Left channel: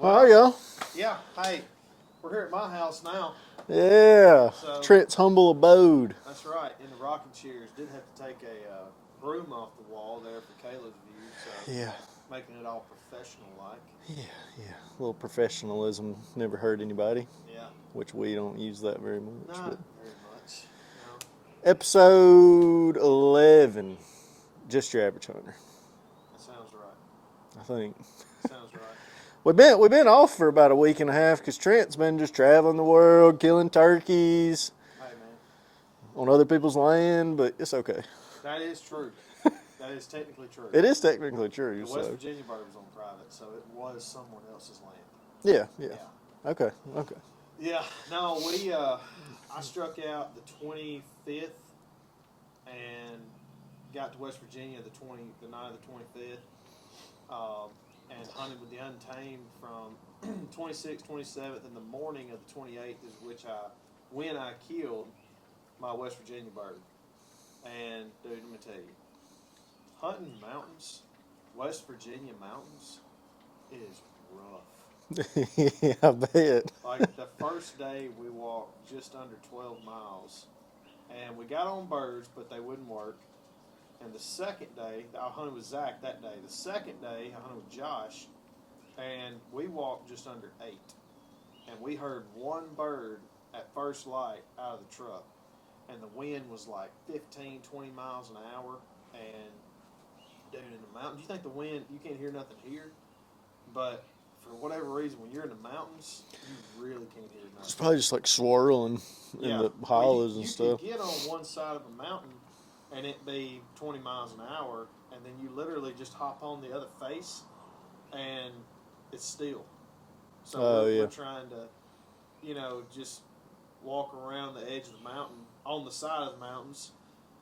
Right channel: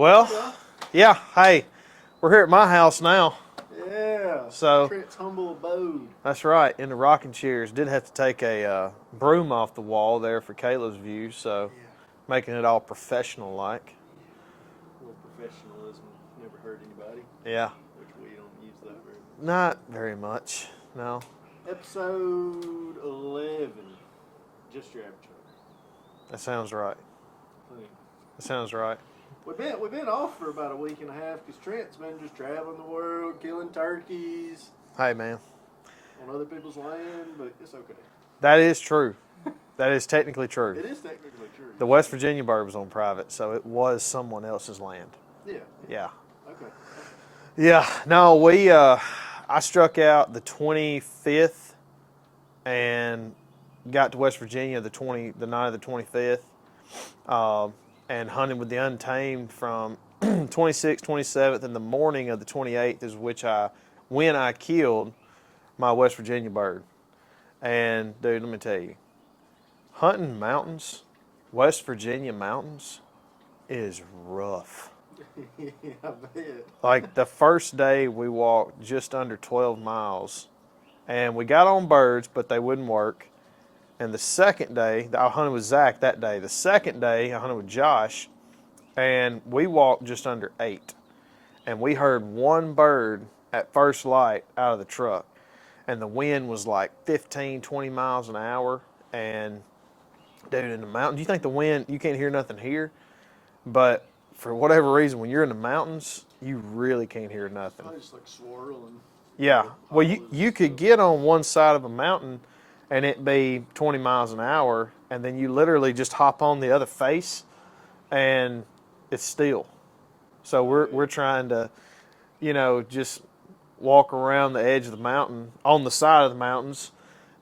Well, yeah. yeah, hey, we're here at my house now. Yeah. So Trent's humble abode. that's right, in the rocking chairs. Did have to take a broom off the wall there for Kayla's view, so Yeah. making it all professional like. Yeah. Yeah. A little professionalism never hurt anybody, Yeah, which we don't use that very much. not very much. No, Episode 11. Just your average hunter, that sounds right. I think. That sounds right. We've been off for about a week and a half because Trent's been just traveling the world, killing turkeys Hey, man, on other people's land, but it's okay. that is true. That is technically true. It is technically true. The West Virginia bird was on private, so it was someone else's land. Yeah. Yeah. Yeah. Okay. Okay. Yeah, no, I struck out the 25th and got to West Virginia the night of the 25th, and hunted with the Untamed from 26th, 27th, and the morning of the 28th is when I killed my West Virginia bird. And dude, let me tell you, hunting mountains, West Virginia mountains, is rough. Yeah, I bet. Like the first day we walked just under 12 miles and we got on birds, but they wouldn't work. And the second day, I hunted with Zach that day. The second day, I hunted with Josh and we walked just under 8. And we heard one bird at first light out of the truck. And the wind was like 15, 20 miles an hour. And dude, in the mountains, you think the wind, you can't hear nothing here, but for whatever reason, when you're in the mountains, you really can't hear nothing. It's probably just like swirling. Yeah. Well, you could stuff. get on one side of a mountain and it be 20 miles an hour, and then you literally just hop on the other face and it's still. So we're trying to, just walk around the edge of the mountain, on the side of the mountains,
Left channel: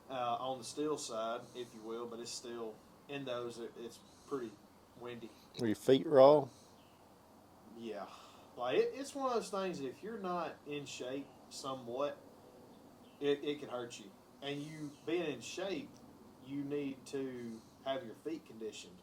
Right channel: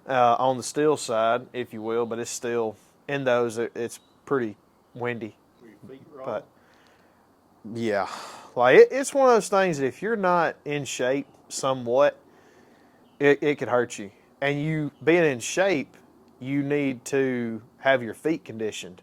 on the still side, if you will, but it's still, in those, it's pretty windy. Were your feet raw? Yeah. Like, it's one of those things that if you're not in shape somewhat, it could hurt you. And you being in shape, you need to have your feet conditioned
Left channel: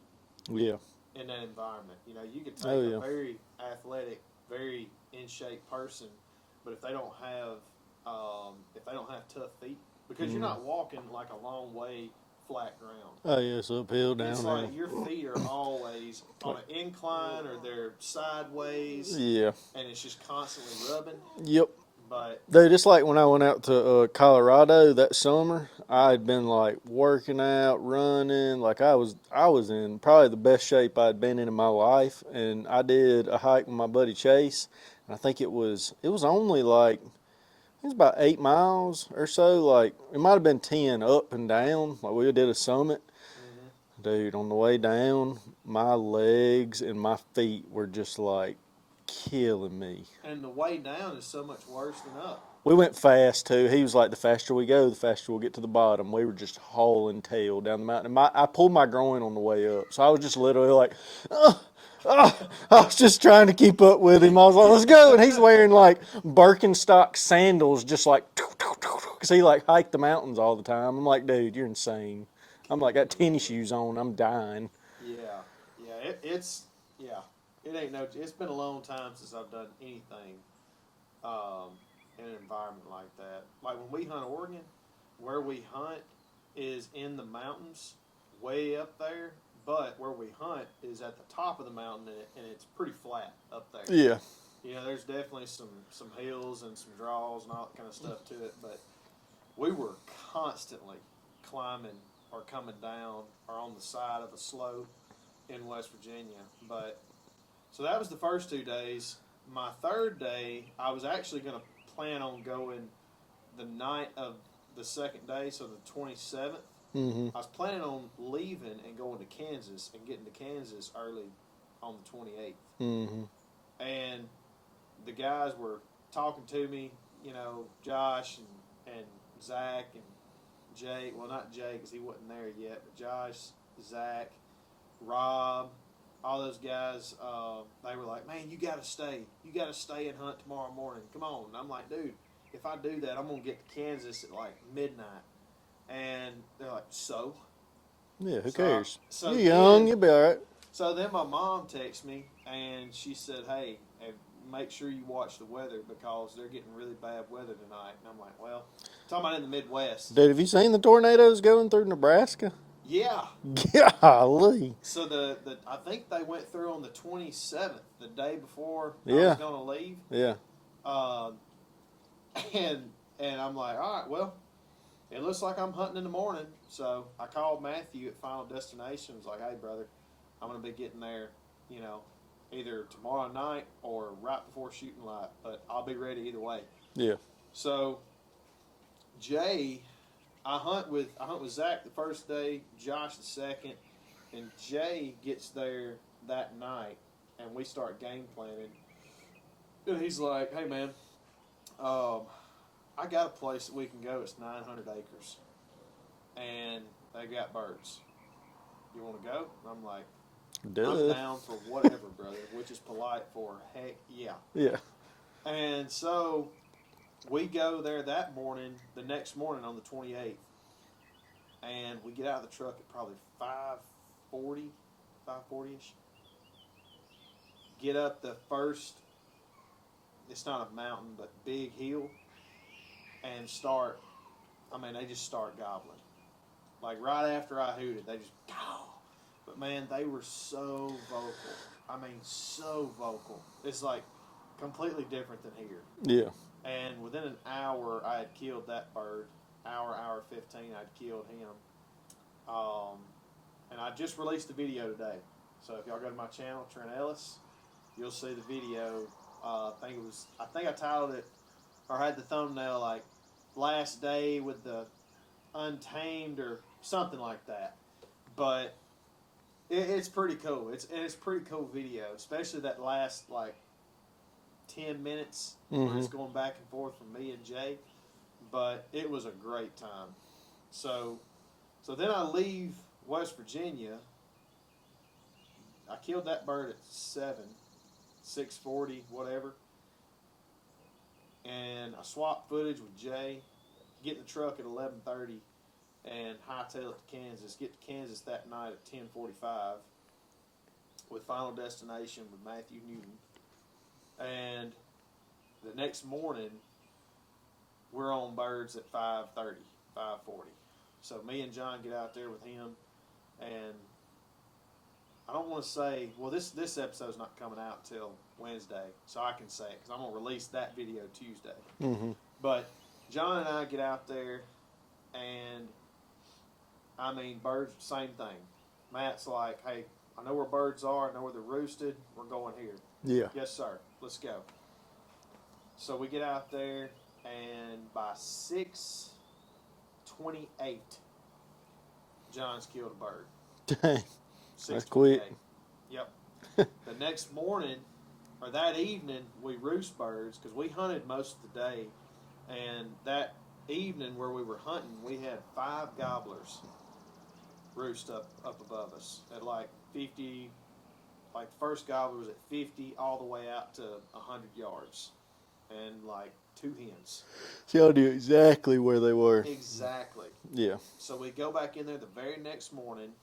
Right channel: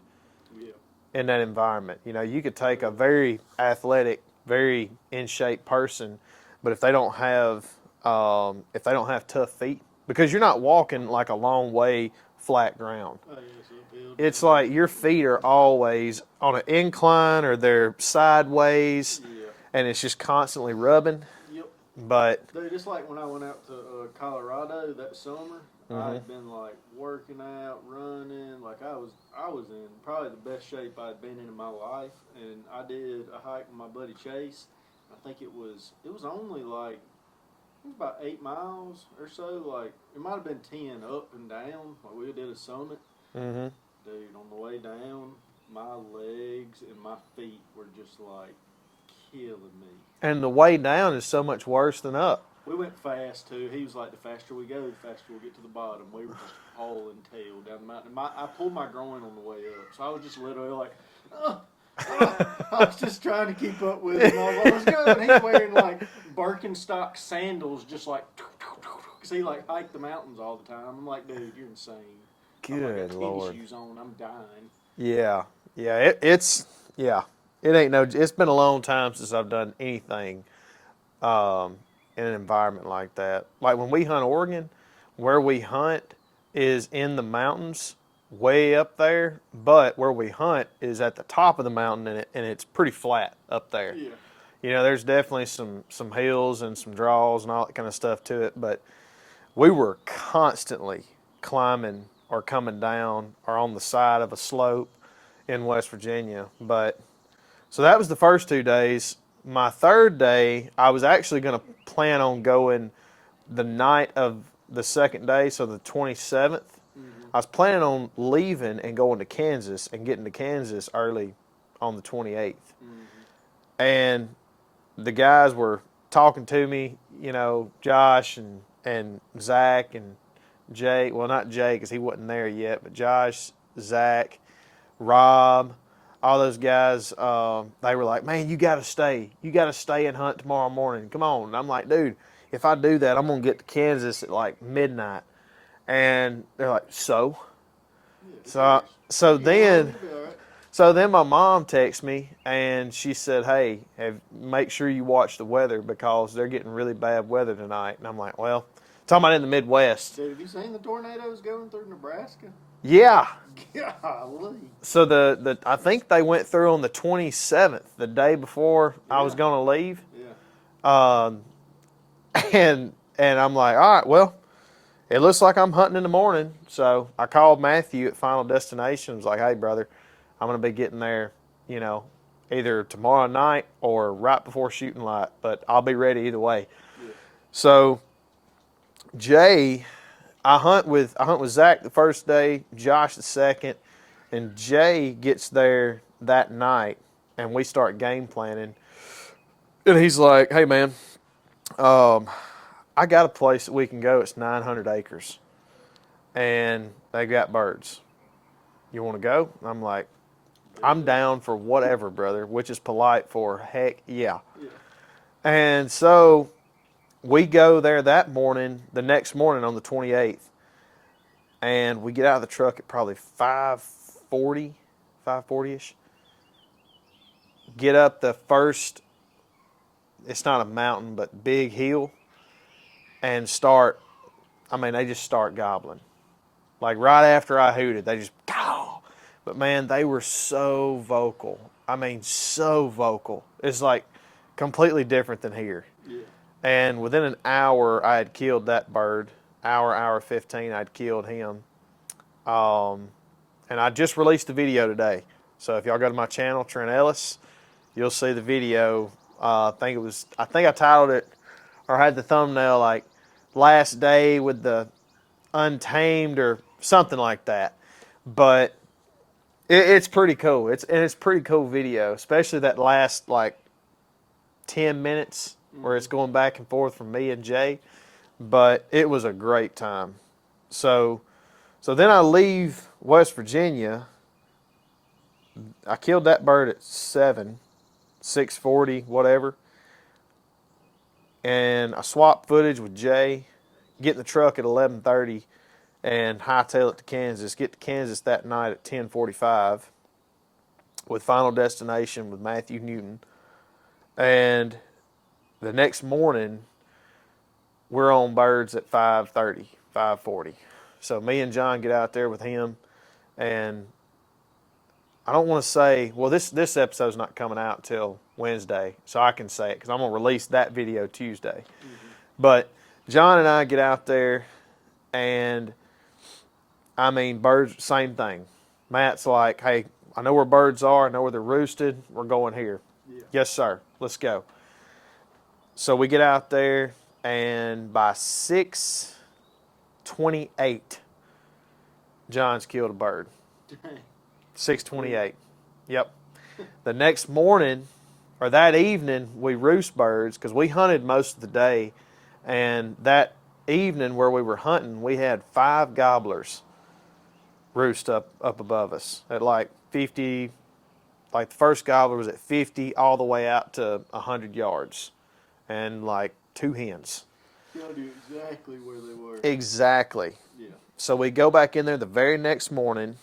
Yeah. in that environment. You could take Oh, a yeah. very athletic, very in shape person, but if they don't have tough feet, because you're not walking like a long way flat ground. Oh, yeah, it's uphill, It's downhill. like your feet are always on an incline or they're sideways, Yeah. and it's just constantly rubbing. Yep. But Dude, it's like when I went out to Colorado that summer. Mm-hmm. I had been like working out, running. Like I was in probably the best shape I'd been in my life. And I did a hike with my buddy Chase. And I think it was only like, it was about 8 miles or so. Like it might have been 10 up and down. Like we did a summit. mm-hmm. Dude, on the way down, my legs and my feet were just like killing me. And the way down is so much worse than up. We went fast too. He was like, the faster we go, the faster we'll get to the bottom. We were just hauling tail down the mountain. And I pulled my groin on the way up. So I was just literally like, I was just trying to keep up with him. I was like, let's go. And he's wearing like Birkenstock sandals, just like, because he like hiked the mountains all the time. I'm like, dude, you're insane. I'm like, I got Good tennis Lord. shoes on. I'm dying. Yeah. Yeah. It ain't no. It's been a long time since I've done anything in an environment like that. Like when we hunt Oregon, where we hunt is in the mountains, way up there. But where we hunt is at the top of the mountain, and it's pretty flat up there. Yeah. There's definitely some hills and some draws and all that kind of stuff to it. But we were constantly climbing or coming down or on the side of a slope in West Virginia. But so that was the first 2 days. My third day, I was actually going to plan on going the night of the second day, so the 27th. Mm-hmm. I was planning on leaving and going to Kansas and getting to Kansas early on the 28th. Mm-hmm. And the guys were talking to me, Josh and Zach and Jay. Well, not Jay because he wasn't there yet, but Josh, Zach, Rob, all those guys, they were like, man, you got to stay. You got to stay and hunt tomorrow morning. Come on. And I'm like, dude, if I do that, I'm going to get to Kansas at like midnight. And they're like, so? Yeah, who So, cares? so You then, young, you'll be all right. So then my mom texted me and she said, "Hey, make sure you watch the weather because they're getting really bad weather tonight." And I'm like, "Well, talking about in the Midwest." Dude, have you seen the tornadoes going through Nebraska? Yeah. Golly. So the I think they went through on the 27th, the day before I was Yeah. going to leave. Yeah. Um, and I'm like, all right, well, it looks like I'm hunting in the morning. So I called Matthew at Final Destination. I was like, hey, brother, I'm going to be getting there, you know, either tomorrow night or right before shooting light, but I'll be ready either way. Yeah. So Jay, I hunt with Zach the first day, Josh the second, and Jay gets there that night, and we start game planning. And he's like, "Hey man, I got a place that we can go. It's 900 acres, and they got birds. You want to go?" I'm like, "I'm Duh. down for whatever, brother," which is polite for heck yeah. Yeah. And so we go there that morning, the next morning on the 28th, and we get out of the truck at probably 5:40, 5:40ish. Get up the first, it's not a mountain, but big hill, and start, I mean, they just start gobbling. Like right after I hooted, they just, "Caw." But man, they were so vocal. I mean, so vocal. It's like completely different than here. Yeah. And within an hour, I had killed that bird. Hour 15, I'd killed him. And I just released the video today. So if y'all go to my channel, Trent Ellis, you'll see the video. I think I titled it or had the thumbnail like "Last Day with the Untamed" or something like that. But it's pretty cool. It's pretty cool video, especially that last like 10 minutes where it's going back and forth from me and Jay. But it was a great time. So then I leave West Virginia. I killed that bird at 6:40, whatever. And I swapped footage with Jay, get in the truck at 11:30 and hightail it to Kansas. Get to Kansas that night at 10:45 with Final Destination with Matthew Newton. And the next morning, we're on birds at 5:30, 5:40. So me and John get out there with him, and I don't want to say, well, this episode's not coming out till Wednesday, so I can say it because I'm going to release that video Tuesday. But John and I get out there, and I mean, birds, same thing. Matt's like, hey, I know where birds are. I know where they're roosted. We're going here. Yeah. Yes, sir. Let's go. So we get out there, and by 6:28, John's killed a bird. Dang. 6:28. Yep. The next morning, or that evening, we roost birds because we hunted most of the day. And that evening where we were hunting, we had 5 gobblers roost up above us at like 50. Like the first gobbler was at 50 all the way out to 100 yards. And like 2 hens. Y'all knew exactly where they were. Exactly. Yeah. So we go back in there the very next morning,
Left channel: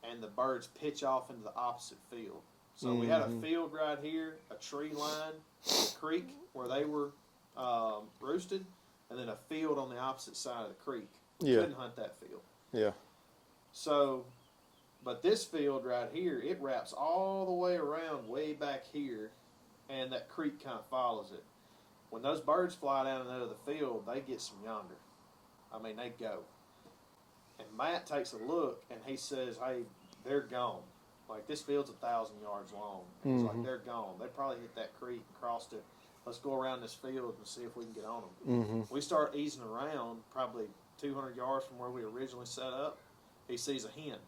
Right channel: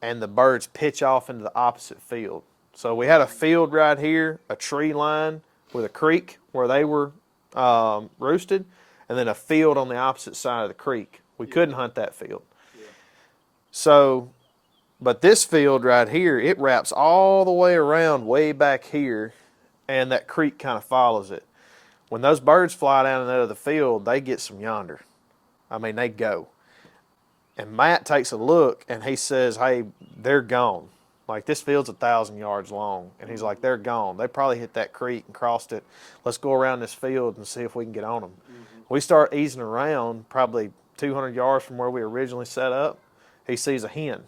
and the birds pitch off into the opposite field. So we had a field right here, a tree line with a creek where they were roosted, and then a field on the opposite side of the creek. We couldn't hunt that field. Yeah. So, but this field right here, it wraps all the way around way back here, and that creek kind of follows it. When those birds fly down into the field, they get some yonder. I mean, they go. And Matt takes a look, and he says, hey, they're gone. Like, this field's 1,000 yards long. And he's like, they're gone. They probably hit that creek and crossed it. Let's go around this field and see if we can get on them. We start easing around, probably 200 yards from where we originally set up. He sees a hen.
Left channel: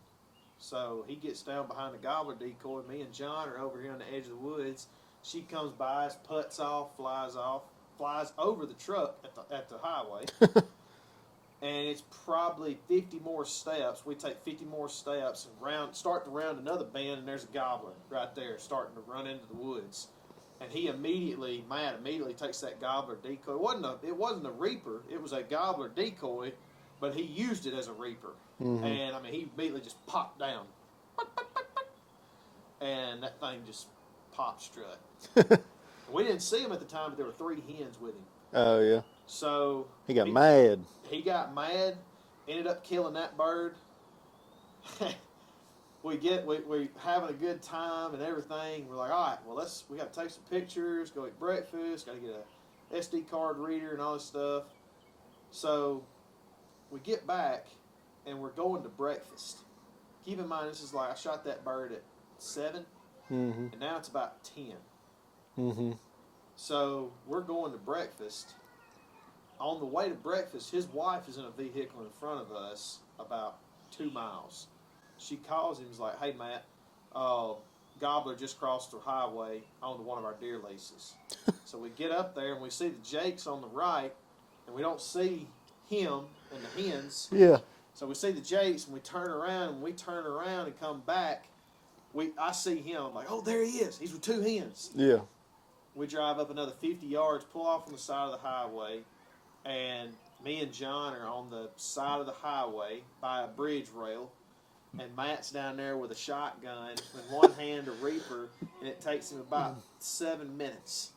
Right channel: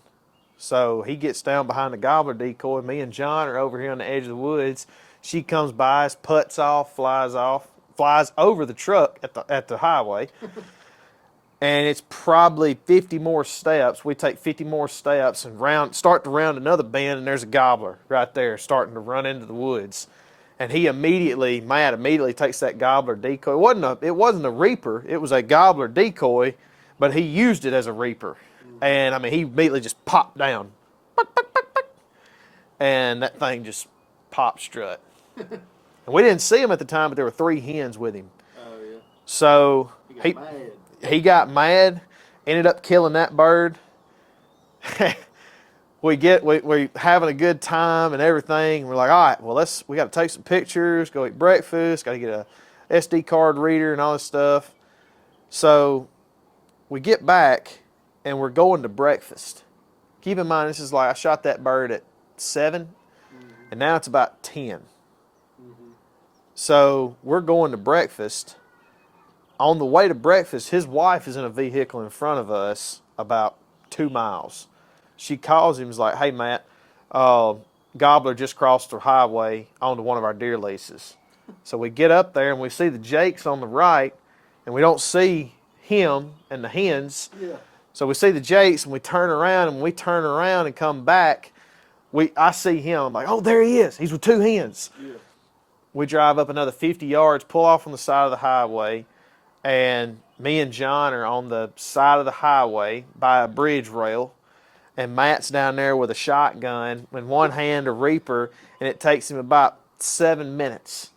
So he gets down behind the gobbler decoy. Me and John are over here on the edge of the woods. She comes by us, putts off, flies over the truck at the highway. And it's probably 50 more steps. We take 50 more steps and start to round another bend, and there's a gobbler right there starting to run into the woods. And Matt immediately takes that gobbler decoy. It wasn't a reaper. It was a gobbler decoy, but he used it as a reaper. And, I mean, he immediately just popped down. and that thing just popped strut. And we didn't see him at the time, but there were 3 hens with him. Oh yeah. So He got mad. He got mad, ended up killing that bird. we having a good time and everything. We're like, all right, well we got to take some pictures, go eat breakfast, got to get a SD card reader and all this stuff. So we get back and we're going to breakfast. Keep in mind, this is like I shot that bird at 7, and now it's about 10. So we're going to breakfast. On the way to breakfast, his wife is in a vehicle in front of us about 2 miles. She calls him, is like, hey, Matt, gobbler just crossed the highway onto one of our deer leases. So we get up there and we see the jakes on the right, and we don't see him and the hens. Yeah. So we see the jakes and we turn around, and when we turn around and come back, I see him. I'm like, oh, there he is. He's with 2 hens. Yeah. We drive up another 50 yards, pull off on the side of the highway, and me and John are on the side of the highway by a bridge rail, and Matt's down there with a shotgun in one hand, a reaper, and it takes him about 7 minutes.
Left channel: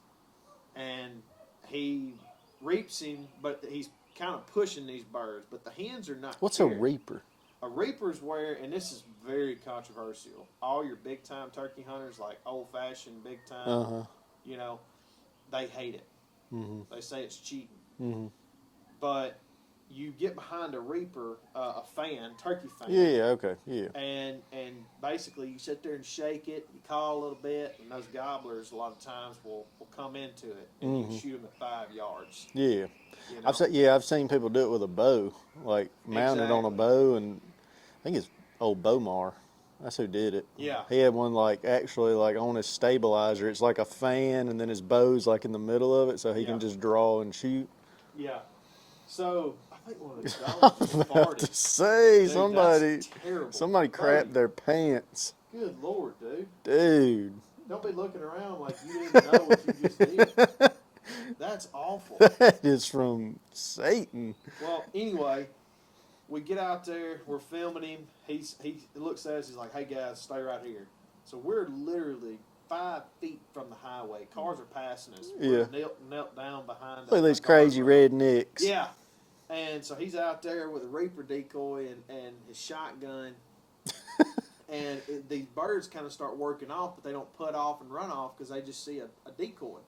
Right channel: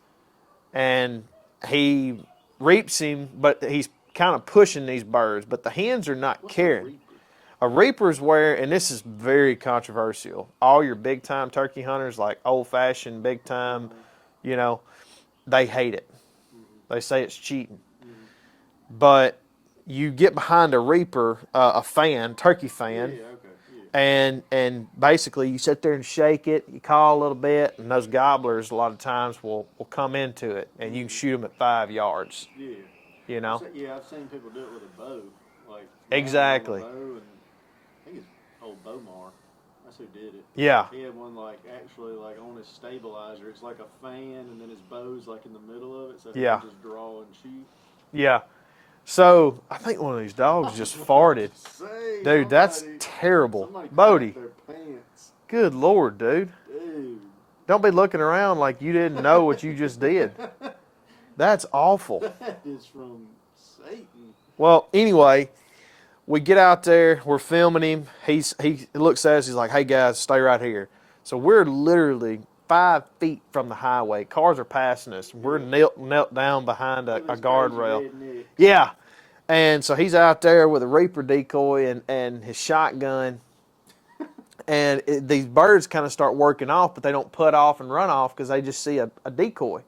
And he reaps him, but he's kind of pushing these birds, but the hens are not What's carrying. a reaper? A reaper is where, and this is very controversial, all your big-time turkey hunters, like old-fashioned big-time, you know, they hate it. They say it's cheating. But you get behind a reaper, a fan, turkey fan. Yeah, okay, yeah. And basically you sit there and shake it, you call a little bit, and those gobblers a lot of times will come into it, and you can shoot them at 5 yards. Yeah. You know? I've seen people do it with a bow, like mounted Exactly. on a bow, and I think it's old Bomar. That's who did it. Yeah. He had one actually on his stabilizer. It's like a fan, and then his bow's like in the middle of it, so he can just draw and shoot. Yeah. So I think one of these dogs just farted. Dude, that's terrible. Somebody Bodie, crapped their pants. good Lord, dude. Dude. Don't be looking around like you didn't know what you just did. That's awful. That is from Satan. Well, anyway, we get out there, we're filming him. He looks at us, he's like, hey guys, stay right here. So we're literally 5 feet from the highway. Cars are passing us. We're knelt down behind a these guardrail. crazy rednecks. Yeah. And so he's out there with a reaper decoy and his shotgun. And these birds kind of start working off, but they don't put off and run off because they just see a decoy.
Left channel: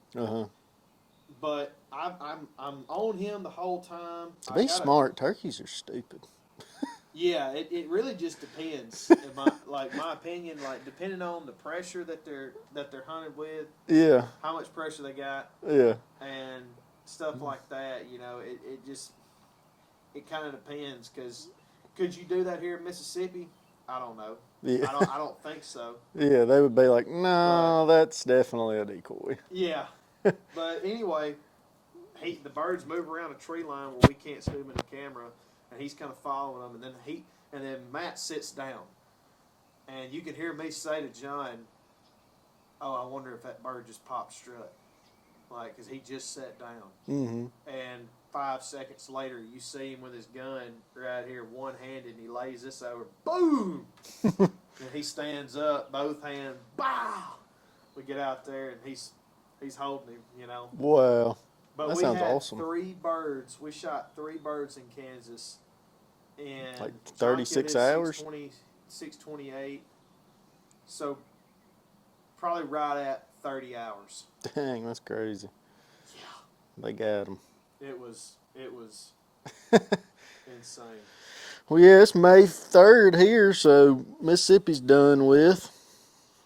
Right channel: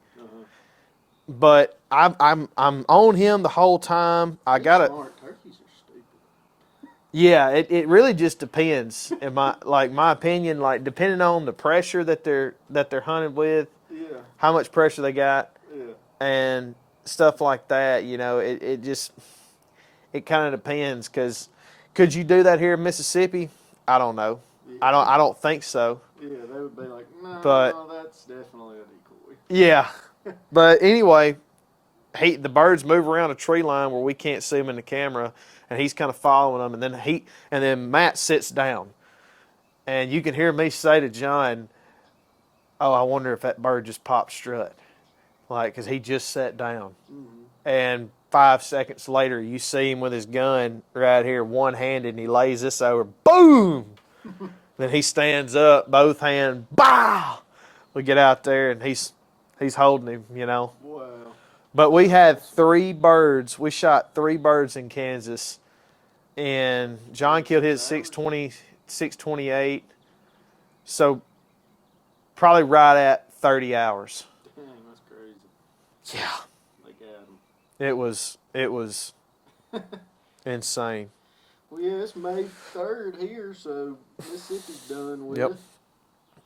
But I'm on him the whole time. He's smart. Turkeys are stupid. Yeah, it really just depends. In my opinion, like depending on the pressure that they're hunted with. Yeah. How much pressure they got. Yeah. And stuff like that. You know, it kind of depends. Because could you do that here in Mississippi? I don't know. Yeah. I don't think so. Yeah, they would be like, no, that's definitely a decoy. Yeah. But anyway, the birds move around a tree line where we can't see them in the camera, and he's kind of following them, and then Matt sits down, and you can hear me say to John, "Oh, I wonder if that bird just popped strut," like because he just sat down, and 5 seconds later you see him with his gun right here, one-handed, and he lays this over, boom. Then he stands up, both hands, bah. We get out there, and he's holding him, you know. Wow. But That we sounds had awesome. 3 birds. We shot 3 birds in Kansas, and John killed his 36 628. So probably right at 30 hours. Dang, that's crazy. Yeah. They got him. It was insane. Well, yeah, it's May 3rd here, so Mississippi's done with.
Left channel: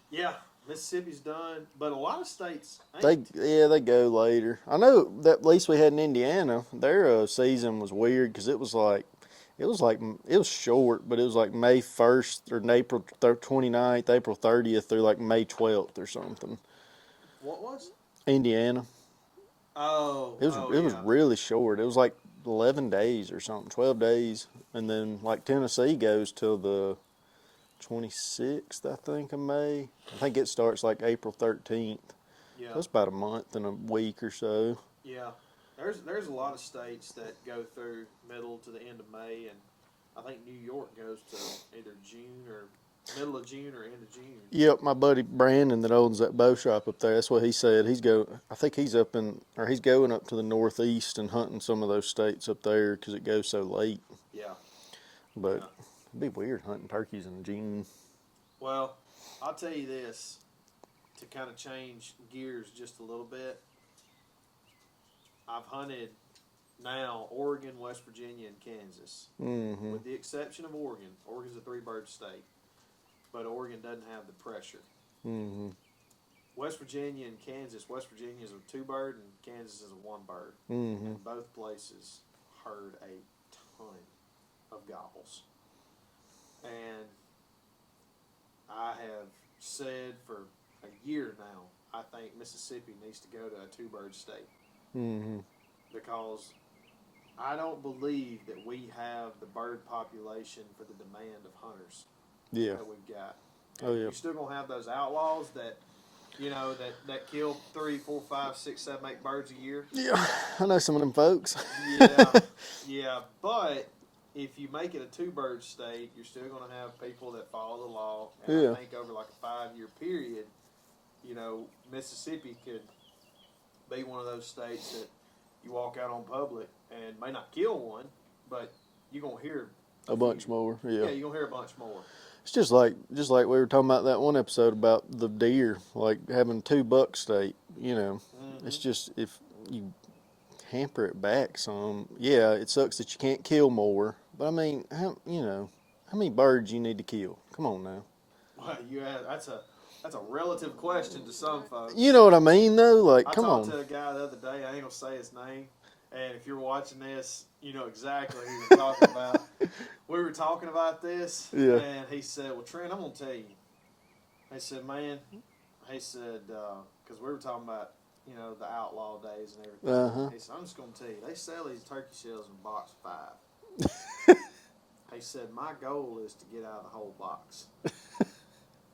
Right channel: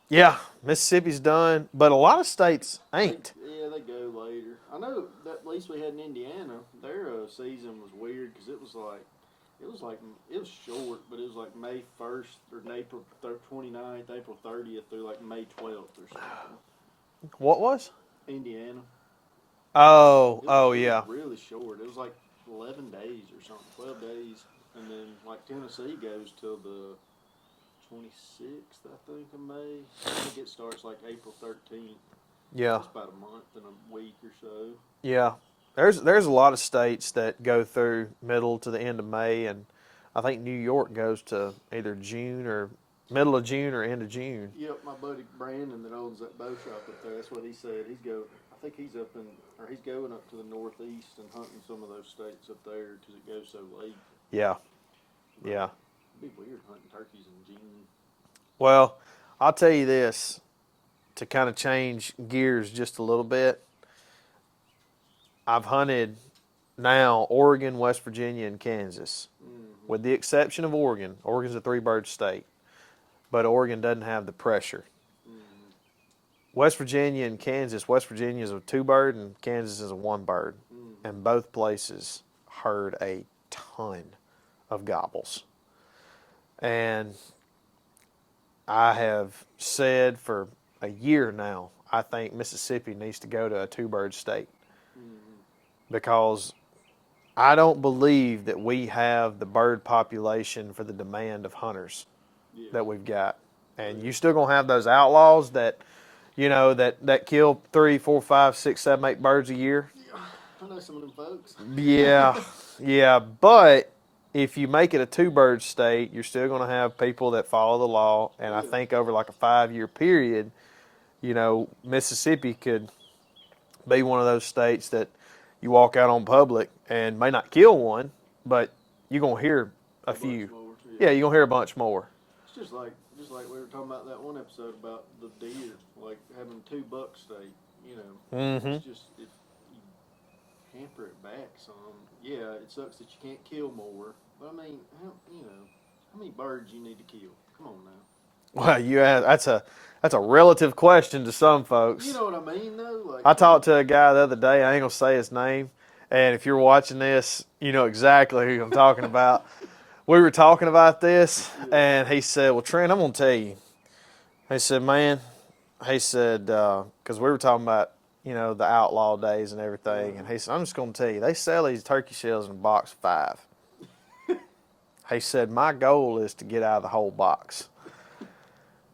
Yeah, Mississippi's done, but a lot of states ain't. They go later. I know that at least we had in Indiana, their season was weird because it was short, but it was like May 1st or April 29th, April 30th through like May 12th or something. What was? Indiana. Oh, It yeah. was really short. It was like 11 days or something, 12 days. And then like Tennessee goes till the 26th, I think, of May. I think it starts like April 13th. Yeah. That's about a month and a week or so. Yeah. There's a lot of states that go through middle to the end of May, and I think New York goes to either June or middle of June or end of June. Yep, my buddy Brandon that owns that bow shop up there. That's what he said. I think he's he's going up to the northeast and hunting some of those states up there because it goes so late. Yeah, But yeah. it'd be weird hunting turkeys in June. Well, I'll tell you this to kind of change gears just a little bit. I've hunted now Oregon, West Virginia, and Kansas, with the exception of Oregon. Oregon's a 3-bird state, but Oregon doesn't have the pressure. West Virginia and Kansas. West Virginia is a 2-bird, and Kansas is a 1-bird, and both places herd a ton of gobbles. And I have said for a year now, I think Mississippi needs to go to a 2-bird state, because I don't believe that we have the bird population for the demand of hunters that we've got. And you're still gonna have those outlaws that, that kill 3, 4, 5, 6, 7, 8 birds a year. Yeah, I know some of them folks. Yeah. But if you make it a 2-bird state, you're still gonna have people that follow the law. And I think over like a 5-year period, Mississippi could be one of those states that you walk out on public and may not kill one, but you're gonna hear a few. Bunch more. Yeah, you're gonna hear a bunch more. It's just like we were talking about that one episode about the deer, like having 2 buck state. It's just if you hamper it back some. Yeah, it sucks that you can't kill more, but I mean, how many birds you need to kill? Come on now. Well, that's a relative question to some folks. You know what I mean, though. Like I talked to a guy the other day. I ain't gonna say his name, and if you're watching this, you know exactly who I'm talking about. We were talking about this, and he said, "Well, Trent, I'm gonna tell you." He said, "Man," he said, because we were talking about the outlaw days and everything, and he said, "I'm just gonna tell you, they sell these turkey shells in a box of 5." He said, "My goal is to get out of the whole box."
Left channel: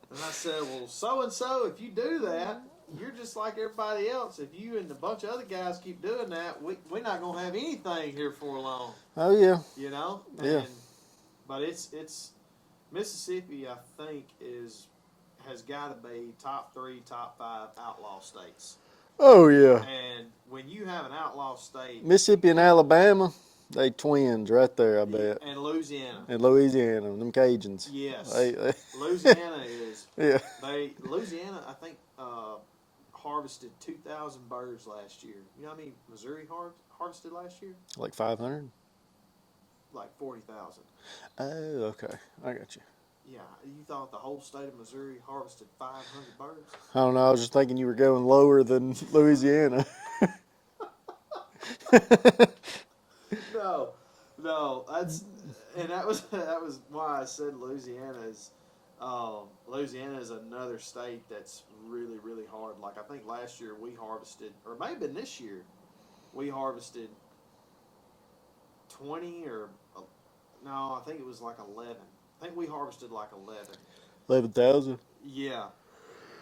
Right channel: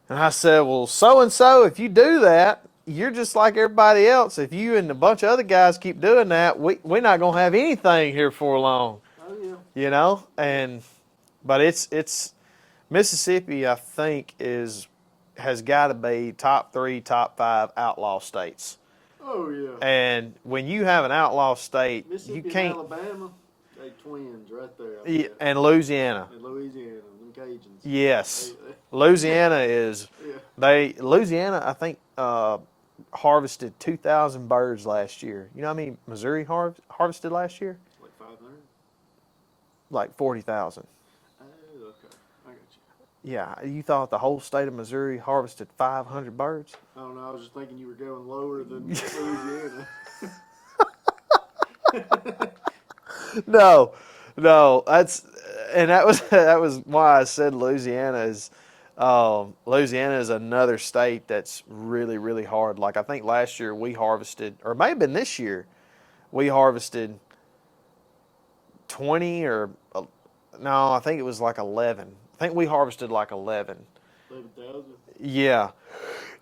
And I said, "Well, so-and-so, if you do that, you're just like everybody else. If you and a bunch of other guys keep doing that, we're not going to have anything here for long." Oh, yeah. But it's Mississippi, I think, has got to be top 3, top 5 outlaw states. Oh, yeah. And when you have an outlaw state, Mississippi and Alabama, they twins right there, I bet. And Louisiana. And Louisiana, them Cajuns. Yes. Louisiana is, Louisiana, I think, harvested 2,000 birds last year. You know how many Missouri harvested last year? Like 500? Like 40,000. Oh, okay. I got you. Yeah, you thought the whole state of Missouri harvested 500 birds? I don't know. I was just thinking you were going lower than Louisiana. No, that was why I said Louisiana is another state that's really, really hard. Like I think last year we harvested, or it may have been this year, we harvested 20 or no, I think it was like 11. I think we harvested like 11. 11,000? Yeah.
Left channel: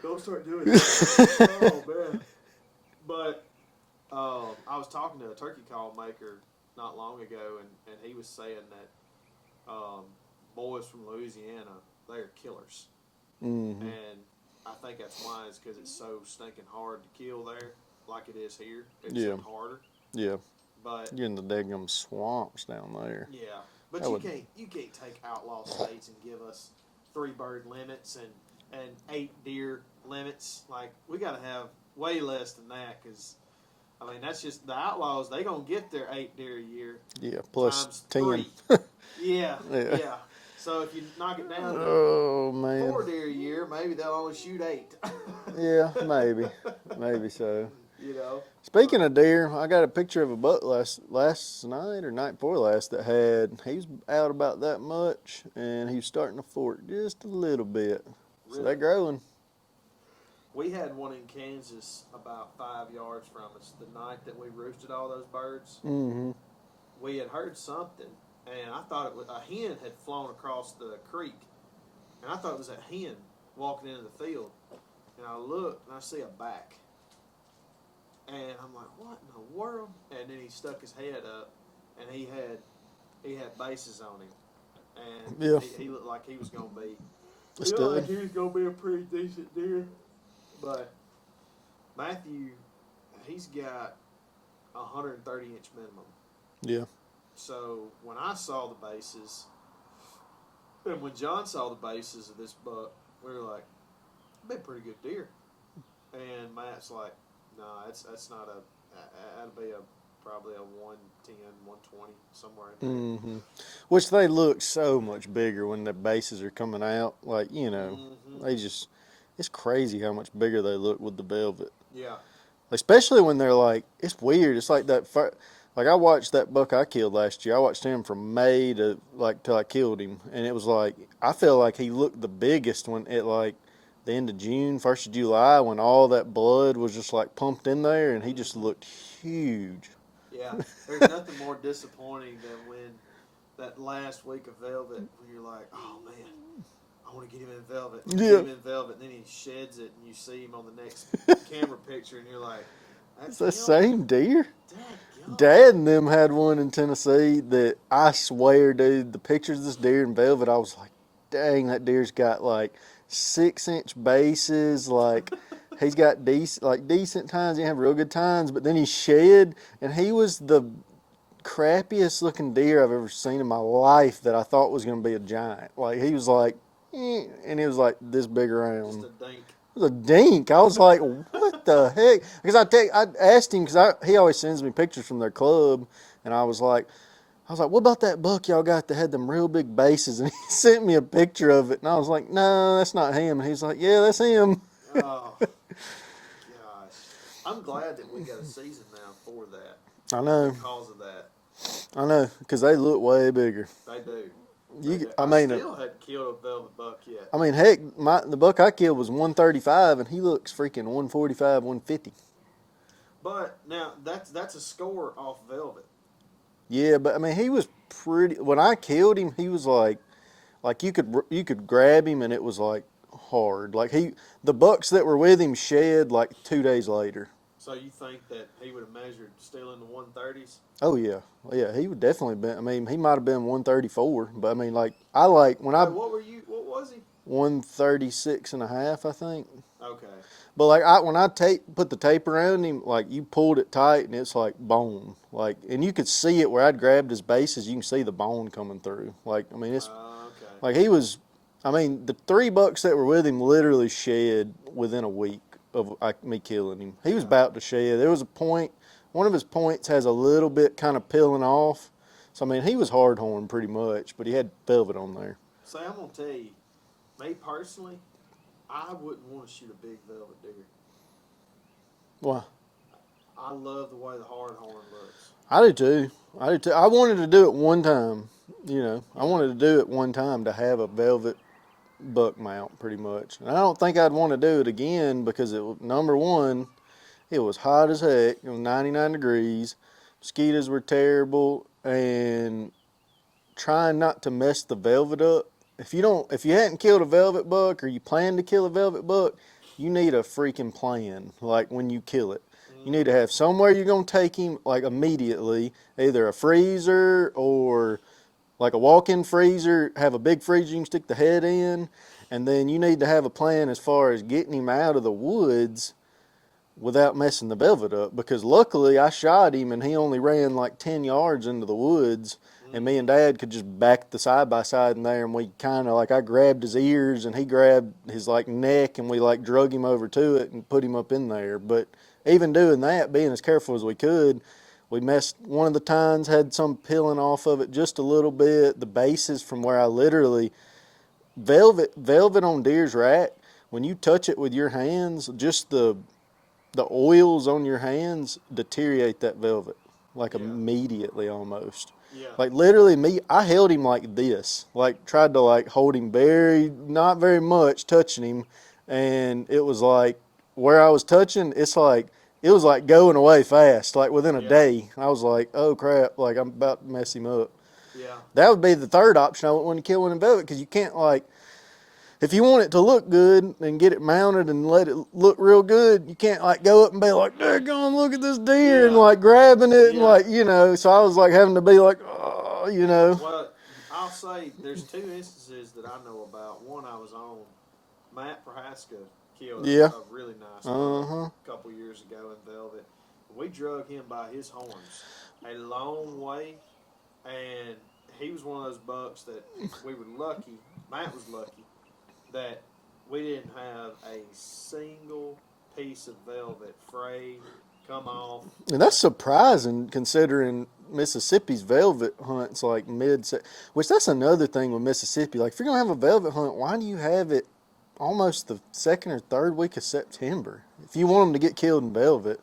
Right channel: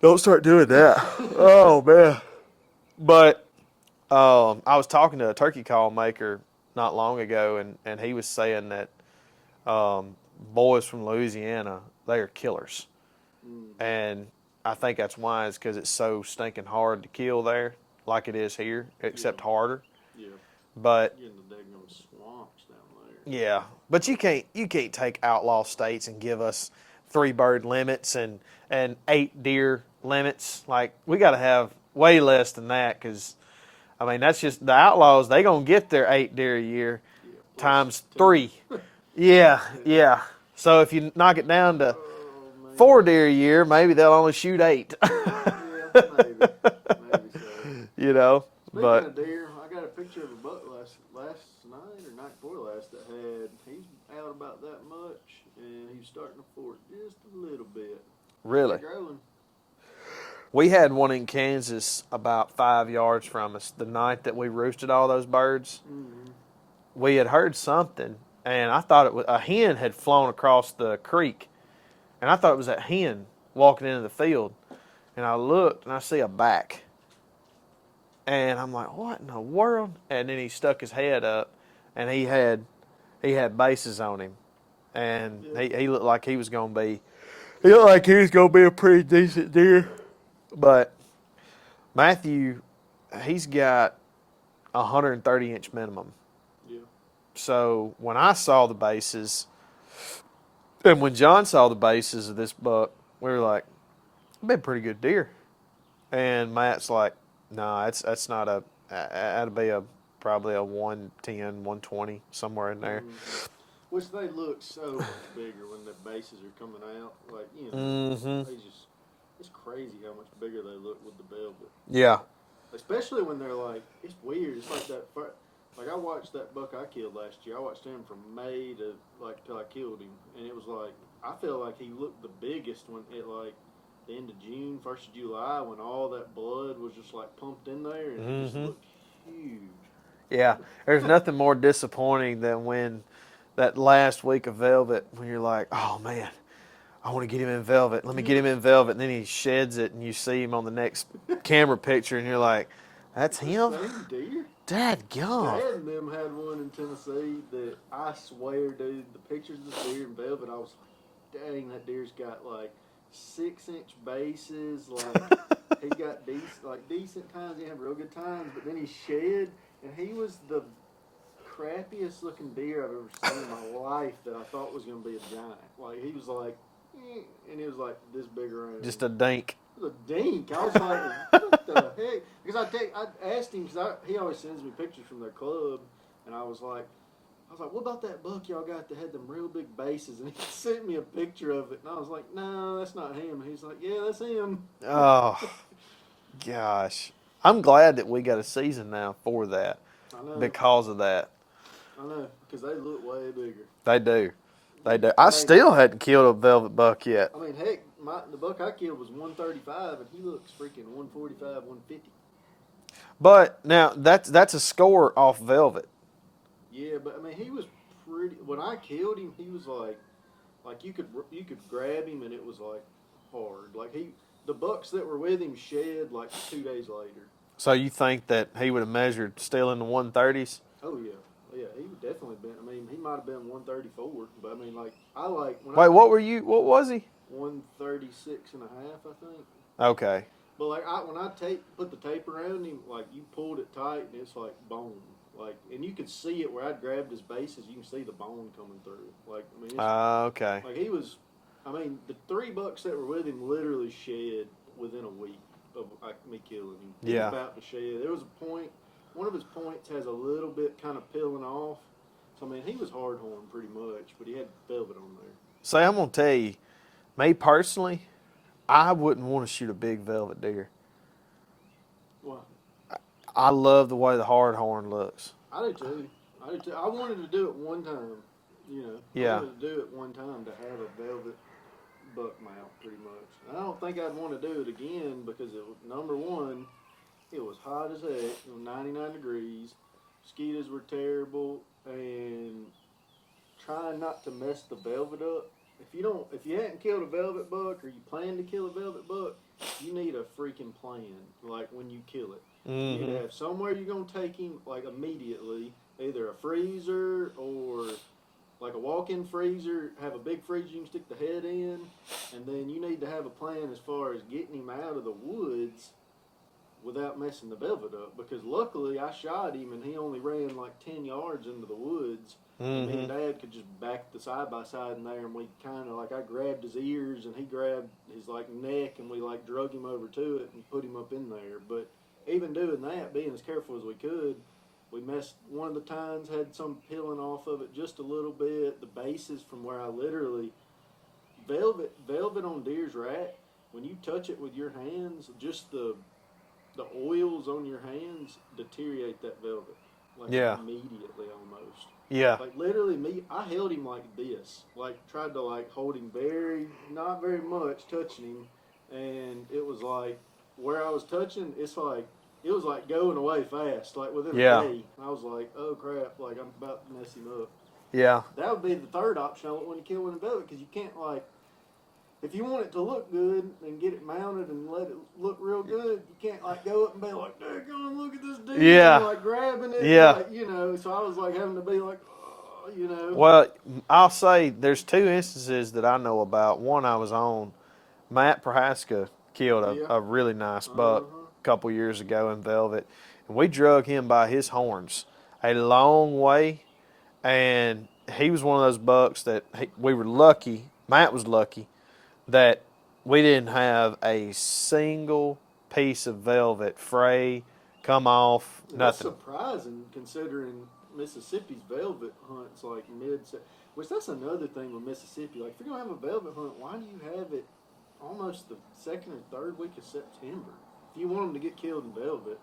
Don't start doing that. Oh, man. But I was talking to a turkey call maker not long ago, and he was saying that boys from Louisiana, they are killers. And I think that's why, is because it's so stinking hard to kill there, like it is here, except harder. Yeah. But you're in the daggum swamps down there. Yeah, but you can't take outlaw states and give us 3-bird limits and 8 deer limits. Like we got to have way less than that, because I mean that's just the outlaws. They gonna get their 8 deer a year. Yeah, times 10. 3. Yeah. So if you knock it down to 4 deer a year, maybe they'll only shoot 8. Yeah, maybe so. Speaking of deer, I got a picture of a buck last night or night before last he was out about that much, and he was starting to fork just a little bit. Really? So they're growing. We had one in Kansas about 5 yards from us the night that we roosted all those birds. We had heard something, and I thought it was a hen had flown across the creek, and I thought it was that hen walking into the field. And I looked, and I see a back. And I'm like, what in the world? And then he stuck his head up, and he had bases on him. And he looked like he was going to be He looked like he was gonna be a pretty decent deer. But Matthew, he's got 130-inch minimum. Yeah. So when I saw the bases, and when John saw the bases of this buck, we were like, "It'd be a pretty good deer." And Matt's like, "Nah, that's not a. That'd be probably a 110, 120 somewhere in there." Mm-hmm. Which they look so much bigger when the bases are coming out. Like, they just, it's crazy how much bigger they look with the velvet. Yeah. Especially when they're like, it's weird. It's like that. Like I watched that buck I killed last year. I watched him from May to like till I killed him, and it was like I feel like he looked the biggest when at like the end of June, 1st of July, when all that blood was just like pumped in there, and he just looked huge. Yeah. There's nothing more disappointing than when that last week of velvet, when you're like, "Oh man, I want to get him in velvet. Let me get him in velvet." And then he sheds it, and you see him on the next camera picture, and you're like, "That's The him." same deer. Dadgum. Dad and them had one in Tennessee that I swear, dude, the pictures of this deer in velvet, I was like, dang, that deer's got like 6-inch bases. Like he's got decent tines. He didn't have real good tines, but then he shed, and he was the crappiest looking deer I've ever seen in my life that I thought was going to be a giant. Like he was like, and he was like this big around. Just a dink. It was a dink. I was like, what the heck? Because I asked him, because he always sends me pictures from their club, and I was like, what about that buck y'all got that had them real big bases? And he sent me a picture of it, and I was like, no, that's not him. And he's like, yeah, that's him. Oh, gosh. I'm glad that we got a season now for that. I know. Because of that. I know, because they look way bigger. They do. They do. I still hadn't killed a velvet buck yet. I mean, heck, the buck I killed was 135, and he looks freaking 145, 150. But now that's a score off velvet. Yeah, but I mean, he was pretty. When I killed him, he was like you could grab him, and it was like hard. Like the bucks that were with him shed like 2 days later. So you think that he would have measured still in the 130s? Oh yeah. Yeah, he would definitely been. I mean, he might have been 134, but I mean, what was he? 136 and a half, I think. Okay. But like when I put the tape around him, like you pulled it tight and it's like bone, like, and you could see it where I'd grabbed his bases. You can see the bone coming through. Like, I mean, it's okay. Like he was. I mean, the 3 bucks that were with him literally shed within a week of me killing him. He was about to shed. There was a point. One of his points has a little bit kind of peeling off. So, I mean, he was hard-horned pretty much, but he had velvet on there. So, I'm going to tell you, me personally, I wouldn't want to shoot a big velvet deer. Why? I love the way the hard-horn looks. I do too. I wanted to do it one time, I wanted to do it one time to have a velvet buck mount pretty much. And I don't think I'd want to do it again because, number one, it was hot as heck. It was 99 degrees. Mosquitoes were terrible, and trying not to mess the velvet up. If you hadn't killed a velvet buck or you plan to kill a velvet buck, you need a freaking plan. Like when you kill it, you need to have somewhere you're gonna take him like immediately, either a freezer or like a walk-in freezer. Have a big freezer you can stick the head in, and then you need to have a plan as far as getting him out of the woods without messing the velvet up, because luckily I shot him and he only ran like 10 yards into the woods, and me and Dad could just back the side-by-side in there, and we kind of I grabbed his ears and he grabbed his like neck, and we like drug him over to it and put him up in there. But even doing that, being as careful as we could, we messed one of the tines, had some peeling off of it just a little bit. The bases from where I literally velvet on deer's rack, when you touch it with your hands, just the oils on your hands deteriorate that velvet, immediately almost. Yeah. Like literally I held him like this, like tried to like hold him not very much, touching him, and it was like where I was touching, it was like going away fast, like within a day. I was like, oh crap, like I'm about to mess him up. Yeah. That would be the third option. I wouldn't want to kill one in velvet, because you can't if you want it to look good and get it mounted and let it look real good, you can't go up and be like, daggone, look at this deer, and grabbing it, so I was having to be like, oh, you know. Well, I'll say there's two instances that I know about. One I was on. Matt Prohaska killed Yeah. a really nice buck Uh-huh. a couple years ago in velvet, and we drug him by his horns a long way, and he was one of those bucks that we were lucky. Matt was lucky that we didn't have a single piece of velvet fray, come off, And that's nothing. surprising considering Mississippi's velvet hunts like which that's another thing with Mississippi. Like if you're gonna have a velvet hunt, why do you have it almost the second or third week of September? If you want them to get killed in velvet.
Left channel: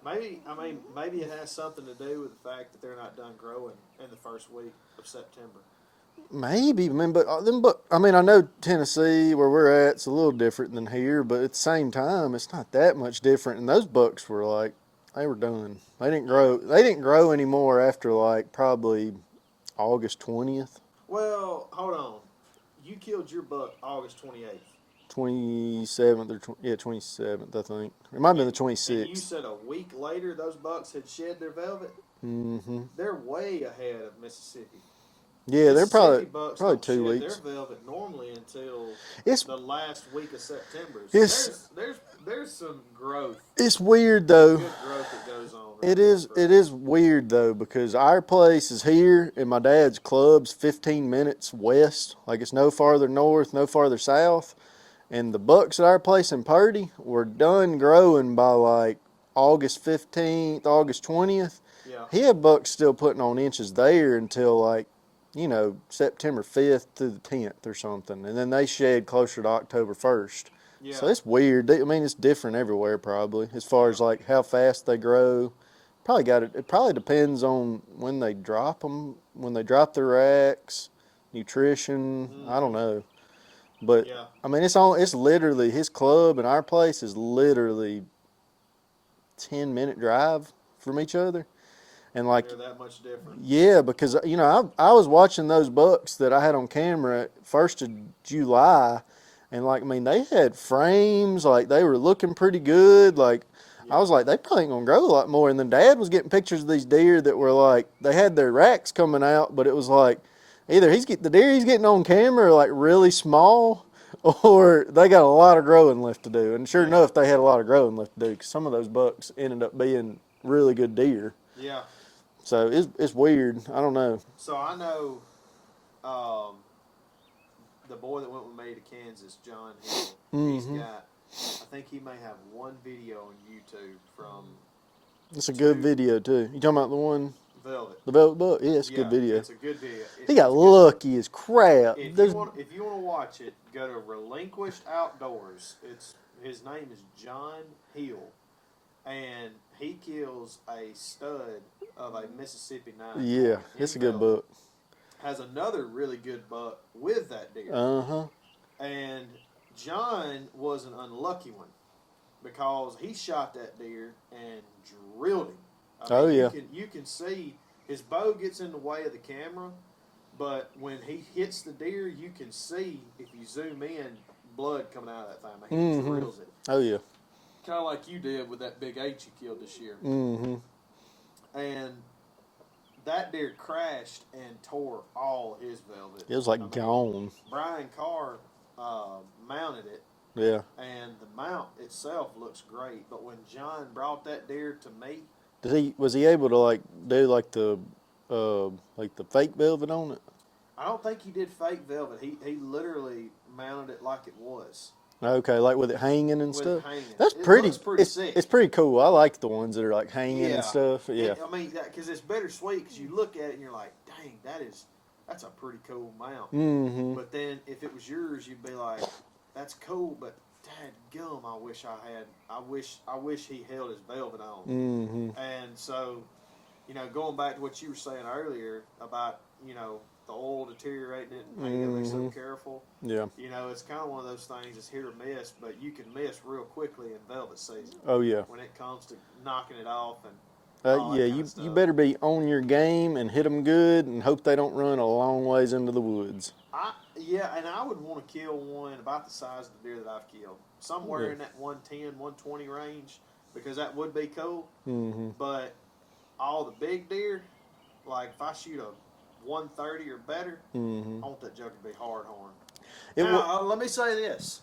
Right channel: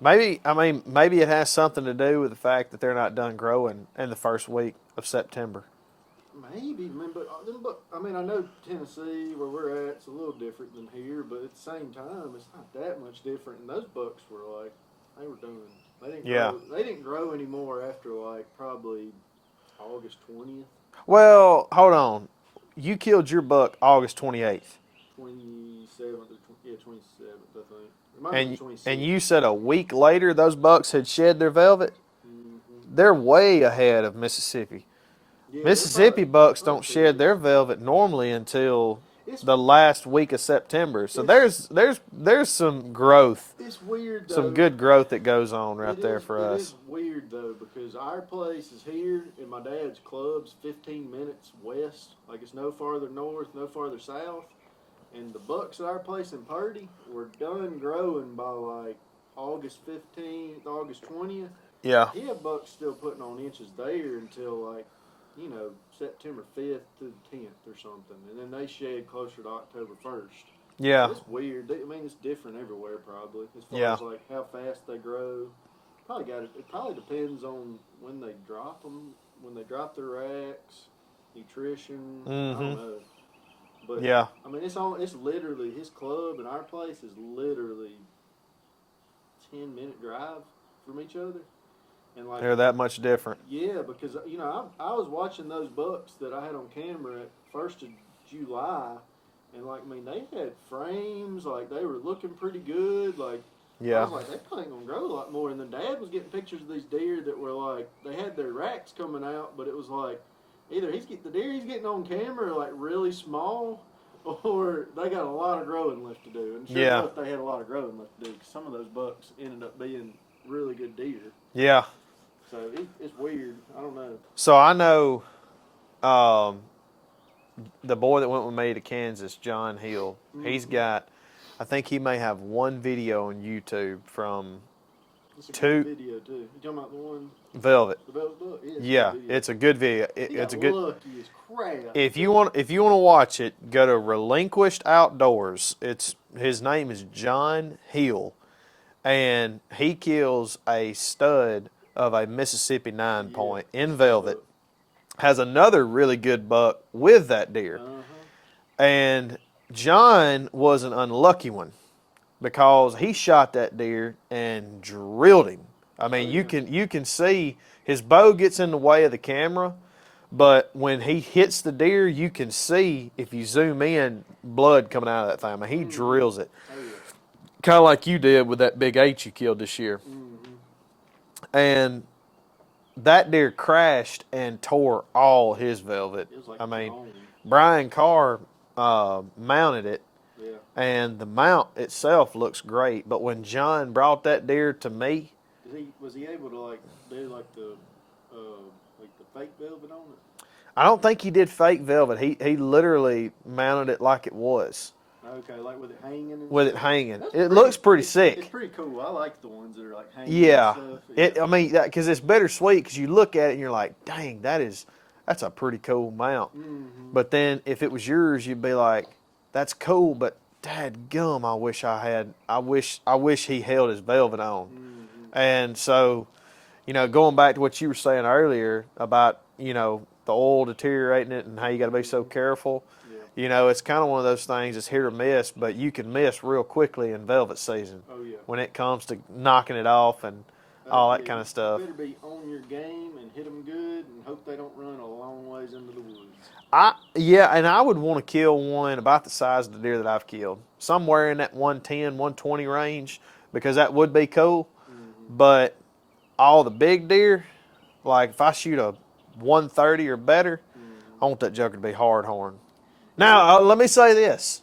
Maybe it has something to do with the fact that they're not done growing in the first week of September. Maybe, man, but I mean, I know Tennessee where we're at, it's a little different than here, but at the same time, it's not that much different. And those bucks were like, they were done. They didn't Yeah. grow. They didn't grow anymore after like probably August 20th, Well, hold on. You killed your buck August 28th. 27th or 27th, I think. It might be the 26th. And you said a week later those bucks had shed their velvet? Mm-hmm. They're way ahead of Mississippi. Yeah, Mississippi bucks probably don't 2 shed their weeks. velvet normally until It's the last week of September. So It's- there's some growth, It's weird though. some good growth that goes on right It there is. for It us. is weird though because our place is here, and my dad's club's 15 minutes west. Like it's no farther north, no farther south. And the bucks at our place in Purdy were done growing by like August 15th, August 20th. Yeah. He had bucks still putting on inches there until like, September 5th to the 10th or something, and then they shed closer to October 1st. Yeah. So it's weird. I mean, it's different everywhere probably as far Yeah. as like how fast they grow. Probably got it. It probably depends on when they drop them, when they drop their racks, nutrition. I don't Mhm. know, but Yeah. I mean, it's literally his club and our place is literally 10-minute drive from each other, and like They're that much different. yeah, because I was watching those bucks that I had on camera at 1st of July, and like I mean they had frames, like they were looking pretty good. Like Yeah. I was like they probably ain't gonna grow a lot more. And then Dad was getting pictures of these deer that were like they had their racks coming out, but it was like either the deer he's getting on camera are like really small, or they got a lot of growing left to do. And sure Yeah. enough, they had a lot of growing left to do because some of those bucks ended up being really good deer. Yeah. So it's weird. I don't know. So I know the boy that went with me to Kansas, John Hill. He's got, I think he may have one video on YouTube from It's a Two- good video too. You talking about the one, Velvet. the velvet buck? Yeah, it's a Yeah, good video. it's a good video. He got it's a good, lucky as crap. if you want to watch it, go to Relinquished Outdoors. His name is John Hill, and he kills a stud of a Mississippi 9-point in that's a good velvet. buck. Has another really good buck with that deer. Uh-huh. And John was an unlucky one because he shot that deer and drilled him. I mean, Oh, yeah. you can see his bow gets in the way of the camera, but when he hits the deer, you can see if you zoom in, blood coming out of that thing. I mean, he drills it, Oh yeah. kind of like you did with that big 8 you killed this year. Mm-hmm. And that deer crashed and tore all his velvet. It was like I mean, gone. Brian Carr mounted it, Yeah. and the mount itself looks great. But when John brought that deer to me, Was he able to like do like the fake velvet on it? I don't think he did fake velvet. He literally mounted it like it was, Okay, like with it hanging and with stuff. it hanging. That's It looks pretty sick. It's pretty cool. I like the ones that are like hanging Yeah. and stuff. Yeah. I mean, because it's bittersweet because you look at it and you're like, dang, that's a pretty cool mount. Mm-hmm. But then if it was yours, you'd be like, that's cool, but dadgum, I wish he held his velvet on. Mm-hmm. And so, going back to what you were saying earlier about, the oil deteriorating it and how you got to be so careful. Yeah. It's kind of one of those things that's hit or miss, but you can miss real quickly in velvet season Oh yeah. when it comes to knocking it off and all that yeah, kind you, of stuff. You better be on your game and hit them good and hope they don't run a long ways into the woods. And I would want to kill one about the size of the deer that I've killed, somewhere in that 110, 120 range, because that would be cool. Mm-hmm. But all the big deer, Like if I shoot a 130 or better, I want that joker to be hard horn. Now, let me say this.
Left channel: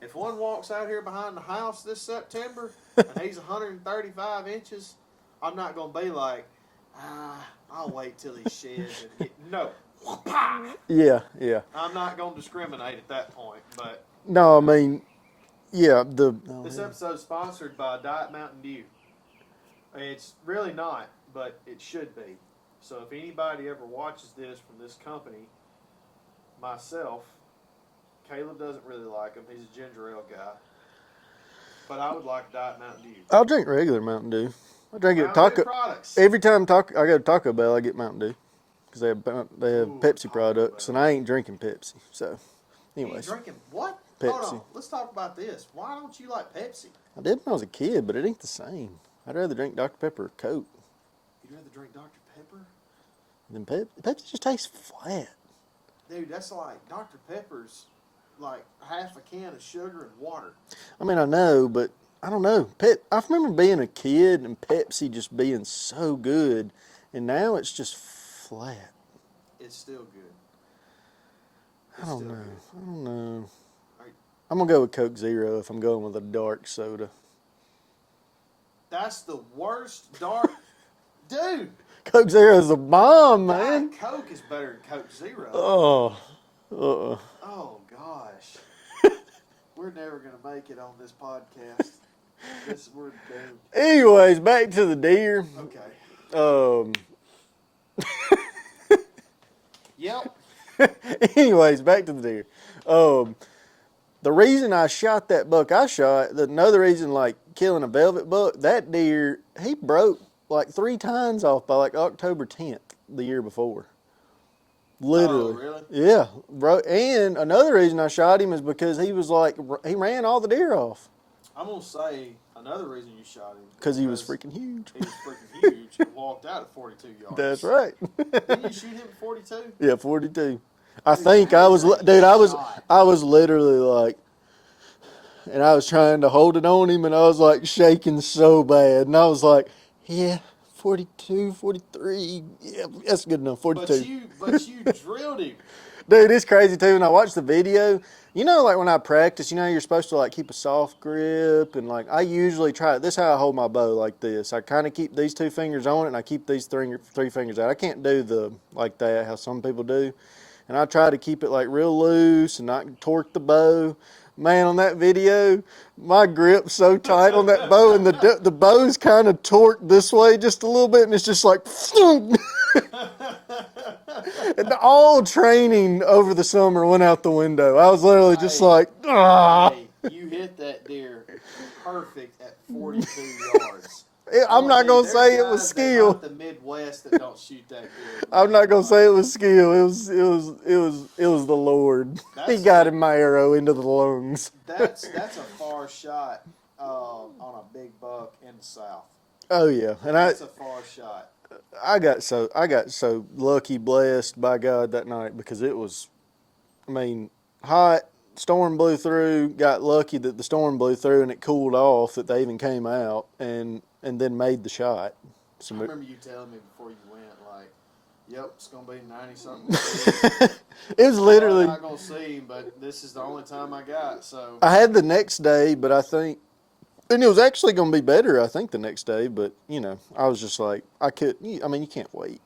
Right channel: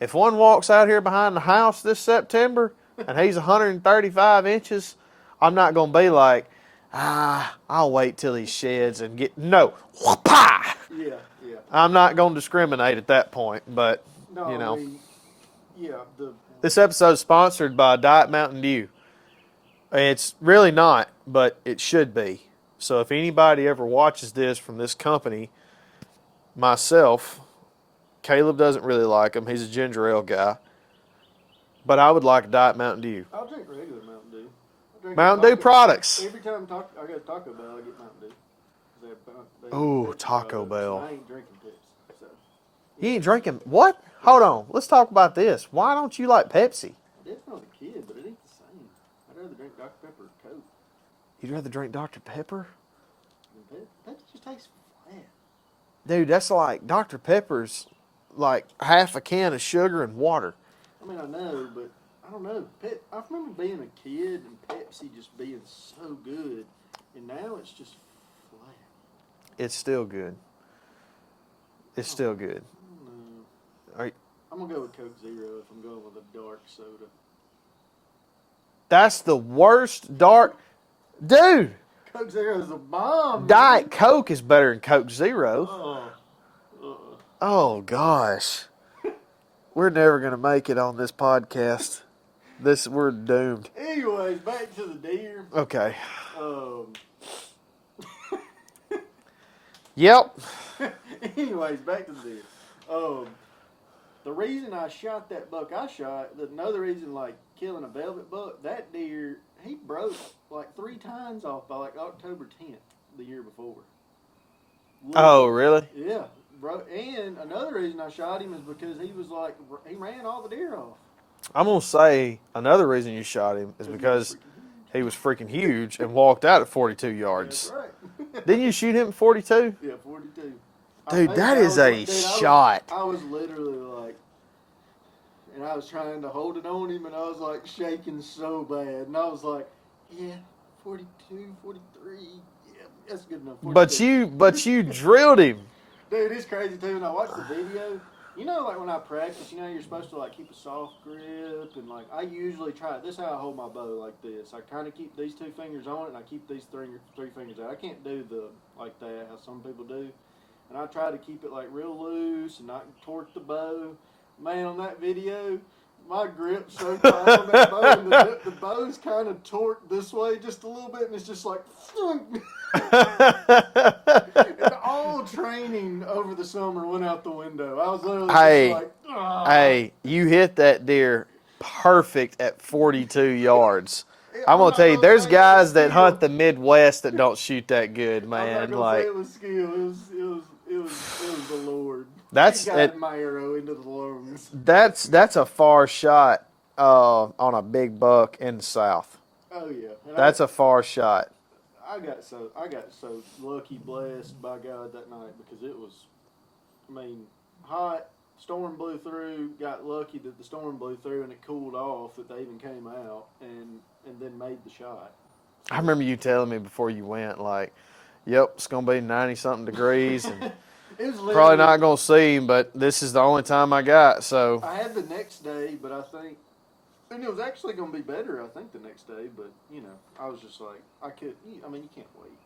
If one walks out here behind the house this September and he's 135 inches, I'm not going to be like, I'll wait till he sheds and get, no, whoop-ah! Yeah. I'm not going to discriminate at that point, but, No, you know. I mean, yeah, This episode is sponsored by Diet Mountain Dew. It's really not, but it should be. So if anybody ever watches this from this company, myself, Caleb doesn't really like them. He's a ginger ale guy. But I would like Diet Mountain Dew. I'll drink regular Mountain Dew. I drink Mountain Dew products. Every time I go to Taco Bell, I get Mountain Dew because they have Ooh, Pepsi Taco products, Bell. and I ain't drinking Pepsi. So, You ain't anyways, drinking what? Pepsi. Hold on. Let's talk about this. Why don't you like Pepsi? I did when I was a kid, but it ain't the same. I'd rather drink Dr Pepper or Coke You'd rather drink Dr. Pepper? than Pepsi. Pepsi just tastes flat. Dude, that's like Dr. Pepper's like half a can of sugar and water. I mean, I know, but I don't know. I remember being a kid and Pepsi just being so good, and now it's just flat. It's still good. It's still good. I don't know. Are- I'm gonna go with Coke Zero if I'm going with a dark soda. That's the worst dark. Dude, Coke Zero is the bomb, man. Diet Coke is better than Coke Zero. Oh, Oh, gosh. We're never going to make it on this podcast. We're doomed. Anyways, back to the deer. Okay. Yep. Anyways, back to the deer. The reason I shot that buck another reason, like killing a velvet buck, that deer, he broke like 3 tines off by like October 10th the year before. Oh, really? Yeah, bro. And another reason I shot him is because he ran all the deer off. I'm going to say another reason you shot him is Because he was freaking huge. He was freaking huge and walked out at 42 yards. That's right. Didn't you shoot him at 42? Yeah, 42. Dude, I think that I is was, a dude, shot. I was literally like, and I was trying to hold it on him, and I was like shaking so bad, and I was like, yeah, 42, 43, yeah, that's good enough. 42. But you drilled him. Dude, it's crazy too. When I watched the video, you know, like when I practice, you know, you're supposed to like keep a soft grip, and like I usually try. This is how I hold my bow, like this. I kind of keep these 2 fingers on it, and I keep these three fingers out. I can't do the like that how some people do, and I try to keep it like real loose and not torque the bow. Man, on that video, my grip's so tight on that bow, and the bow's kind of torqued this way just a little bit, and it's just like, and all training over the summer went out the window. I was literally just like, Hey, you hit that deer perfect at 42 yards. I'm not gonna tell you, gonna there's say it was guys that skill. hunt the Midwest that don't shoot that good, man. I'm not gonna say it was skill. It was the Lord. He guided my arrow into the lungs. That's a far shot on a big buck in the South. Oh yeah, and That's a far shot. I got so lucky, blessed by God that night because it was, I mean, hot. Storm blew through. Got lucky that the storm blew through and it cooled off. That they even came out and then made the shot. So I remember you telling me before you went, like, "Yep, it's gonna be 90-something degrees. it was literally Probably not gonna see him, but this is the only time I got." So I had the next day, but I think, and it was actually going to be better, I think, the next day. But, you know, I was just like, you can't wait.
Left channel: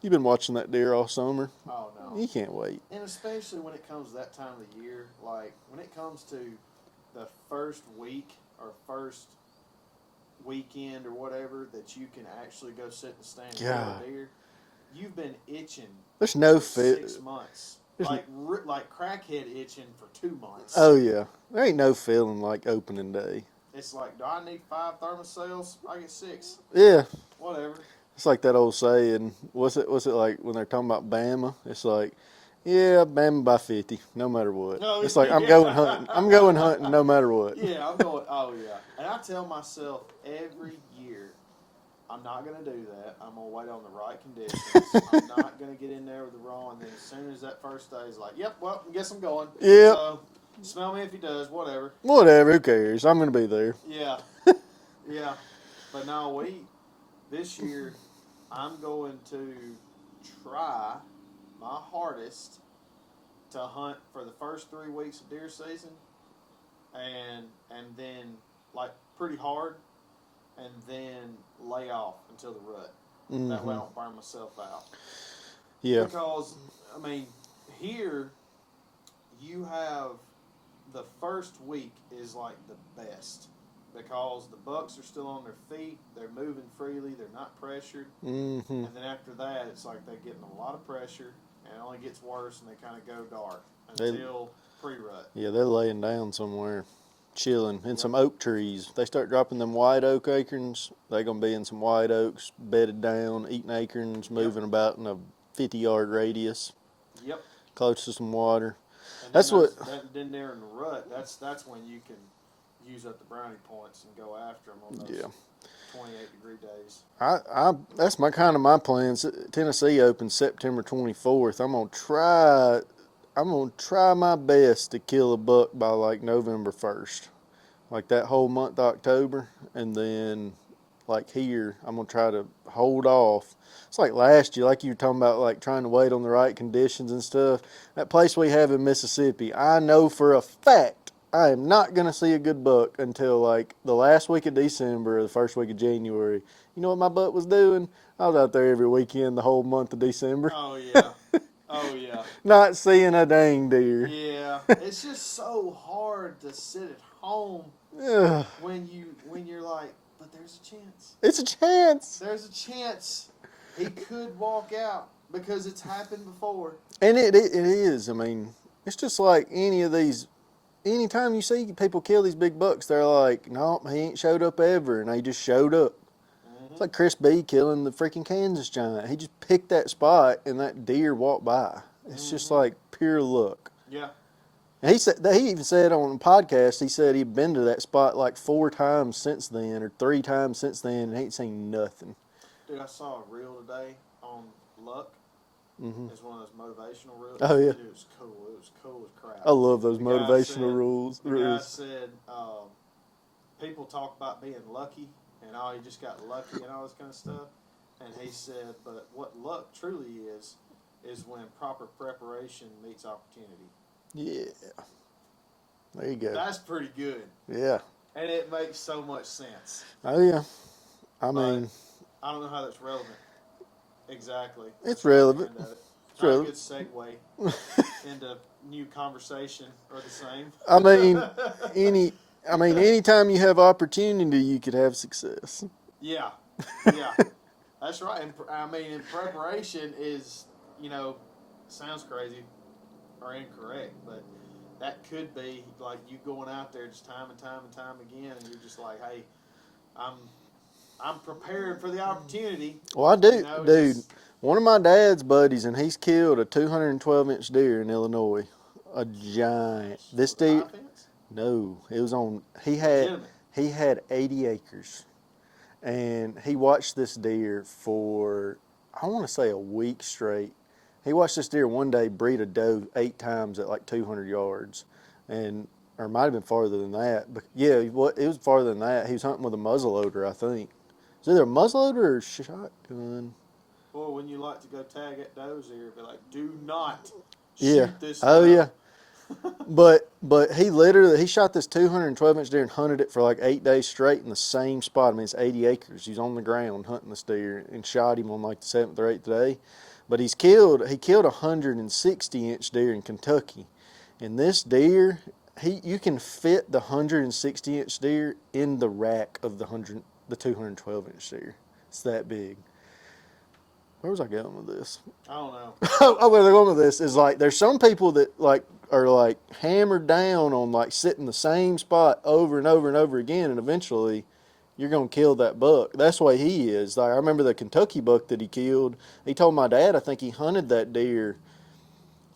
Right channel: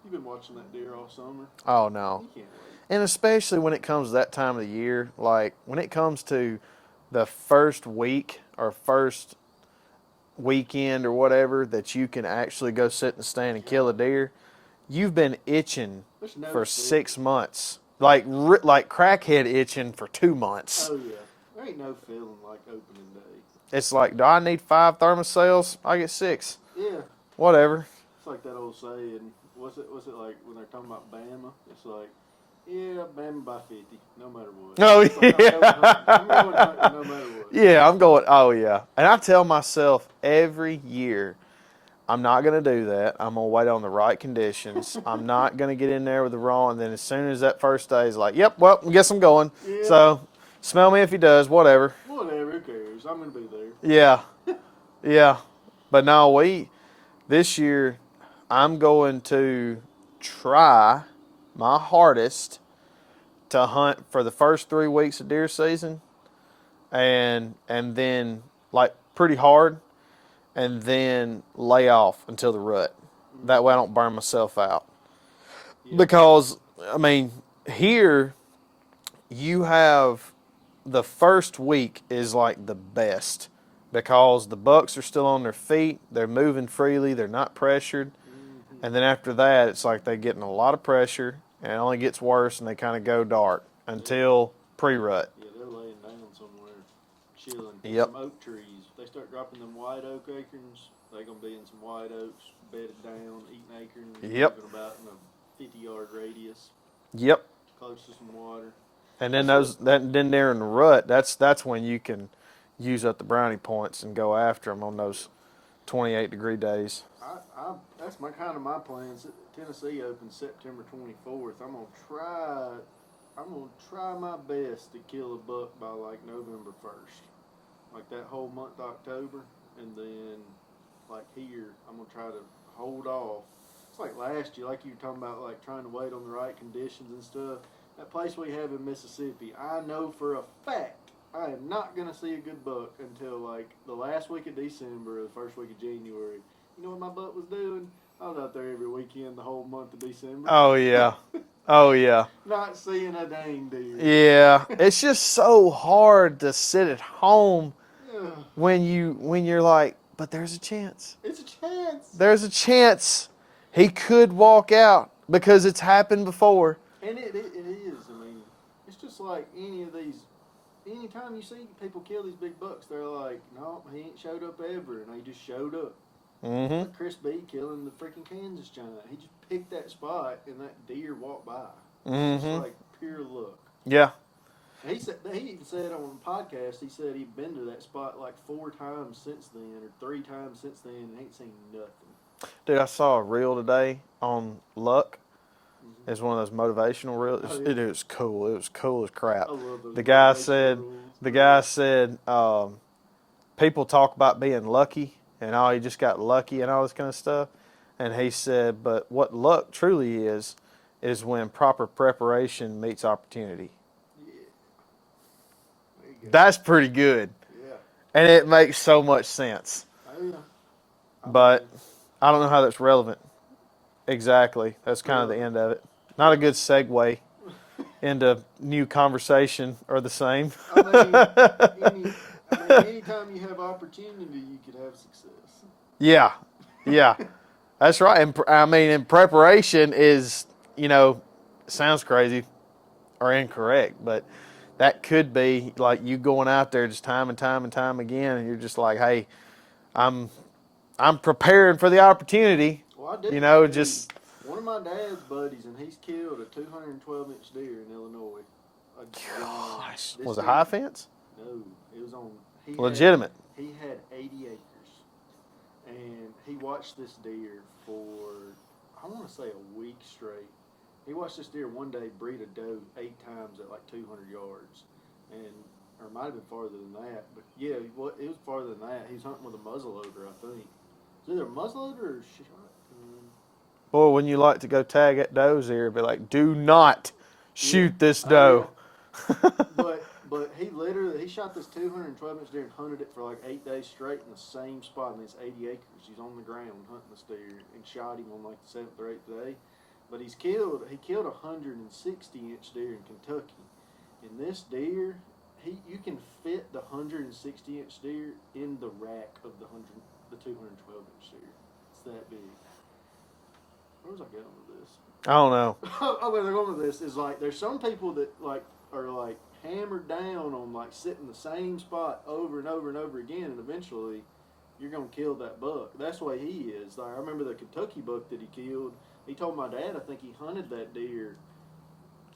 You've been watching that deer all summer. oh no, You can't wait. and especially when it comes to that time of the year, like when it comes to the first week or first weekend or whatever that you can actually go sit in the stand and kill a Yeah. deer, you've been itching There's no for fit. 6 months, like crackhead itching for 2 months. Oh, yeah. There ain't no feeling like opening day. It's like, do I need 5 thermocells? I get 6. Yeah. Whatever. It's like that old saying, what's it like when they're talking about Bama? It's like, yeah, Bama by 50, no matter what. Oh, it's like, yeah. I'm going hunting no matter what. Yeah, I'm going, oh, yeah. And I tell myself every year, I'm not going to do that. I'm going to wait on the right conditions. I'm not going to get in there with the wrong. And then as soon as that first day is like, yep, well, I guess I'm going. Yeah. So smell me if he does, whatever. Whatever, who cares? I'm going to be there. Yeah. Yeah. But no, this year, I'm going to try my hardest to hunt for the first 3 weeks of deer season, and then like pretty hard, and then lay off until the rut. That way I don't burn myself out. Yeah. Because I mean, here you have the first week is like the best because the bucks are still on their feet, they're moving freely, they're not pressured, and then after that it's like they're getting a lot of pressure, and it only gets worse, and they kind of go dark until pre-rut. Yeah, they're laying down somewhere, chilling in Yep. some oak trees. If they start dropping them white oak acorns, they're gonna be in some white oaks, bedded down, eating acorns, Yep. moving about in a 50-yard radius, Yep. close to some water. And then That's then they're in the rut. That's when you can use up the brownie points and go after them on those 28-degree days. That's my plans. Tennessee opens September 24th. I'm gonna try my best to kill a buck by like November 1st, like that whole month of October, and then like here I'm gonna try to hold off. It's like last year, like you were talking about, like trying to wait on the right conditions and stuff. That place we have in Mississippi, I know for a fact I am not gonna see a good buck until like the last week of December or the first week of January. You know what my buck was doing? I was out there every weekend the whole month of December, Oh yeah. Oh yeah. not seeing a dang deer. Yeah. It's just so hard to sit at home Ugh. when you're like, but there's a chance. It's a chance. There's a chance he could walk out because it's happened before. And it is. I mean, it's just like any of these. Anytime you see people kill these big bucks, they're like, "No, he ain't showed up ever," and they just showed up. Mm-hmm. It's like Chris B killing the freaking Kansas giant. He just picked that spot, and that deer walked by. It's just like pure luck. Yeah. And he even said on the podcast, he said he'd been to that spot like 4 times since then, or 3 times since then, and ain't seen nothing. Dude, I saw a reel today on luck. It's one of those motivational reels. Oh, yeah. It was cool. It was cool as crap. I love those The guy motivational said, rules. The guy said, people talk about being lucky and oh, you just got lucky and all this kind of stuff. And he said, but what luck truly is when proper preparation meets opportunity. Yeah. There you go. That's pretty good. Yeah. And it makes so much sense. Oh, yeah. I But mean, I don't know how that's relevant. Exactly. That's It's kind relevant. of the end of it. Not a good segue into new conversation or the same. I mean, anytime you have opportunity, you could have success. Yeah. Yeah. That's right. And preparation is, sounds crazy or incorrect, but that could be like you going out there just time and time and time again, and you're just like, hey, I'm preparing for the opportunity. Well, I do. Dude, just one of my dad's buddies, and he's killed a 212-inch deer in Illinois. A giant. was it high fence? No, it was on. Legitimate. He had 80 acres, and he watched this deer for, I want to say, a week straight. He watched this deer one day breed a doe 8 times at like 200 yards, or it might have been farther than that. But yeah, it was farther than that. He was hunting with a muzzleloader, I think. It's either a muzzleloader or a shotgun. Boy, when you like to go tag at does here, be like, do not shoot this doe. Oh, yeah. but he shot this 212-inch deer and hunted it for like 8 days straight in the same spot. I mean, it's 80 acres. He's on the ground hunting this deer and shot him on like the 7th or 8th day. But he killed a 160-inch deer in Kentucky. And this deer, you can fit the 160-inch deer in the rack of the 212-inch deer. It's that big. Where was I going with this? I don't know. Oh, where they're going with this is like there's some people that like are like hammered down on like sitting the same spot over and over and over again, and eventually you're gonna kill that buck. That's the way he is. Like I remember the Kentucky buck that he killed. He told my dad I think he hunted that deer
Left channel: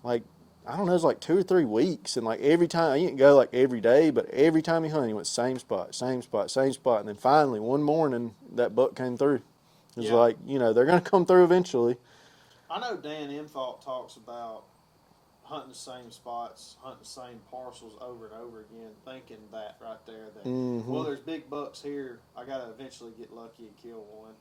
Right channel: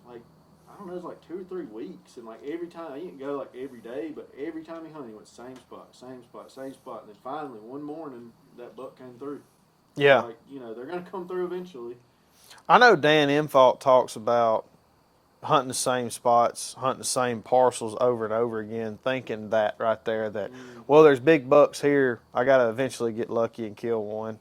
like I don't know, it was like 2 or 3 weeks, and like every time he didn't go like every day, but every time he hunted, he went same spot, and then finally one morning that buck came through. It's Yeah. like, they're going to come through eventually. I know Dan Infalt talks about hunting the same spots, hunting the same parcels over and over again, thinking that right there that, well, there's big bucks here. I got to eventually get lucky and kill one.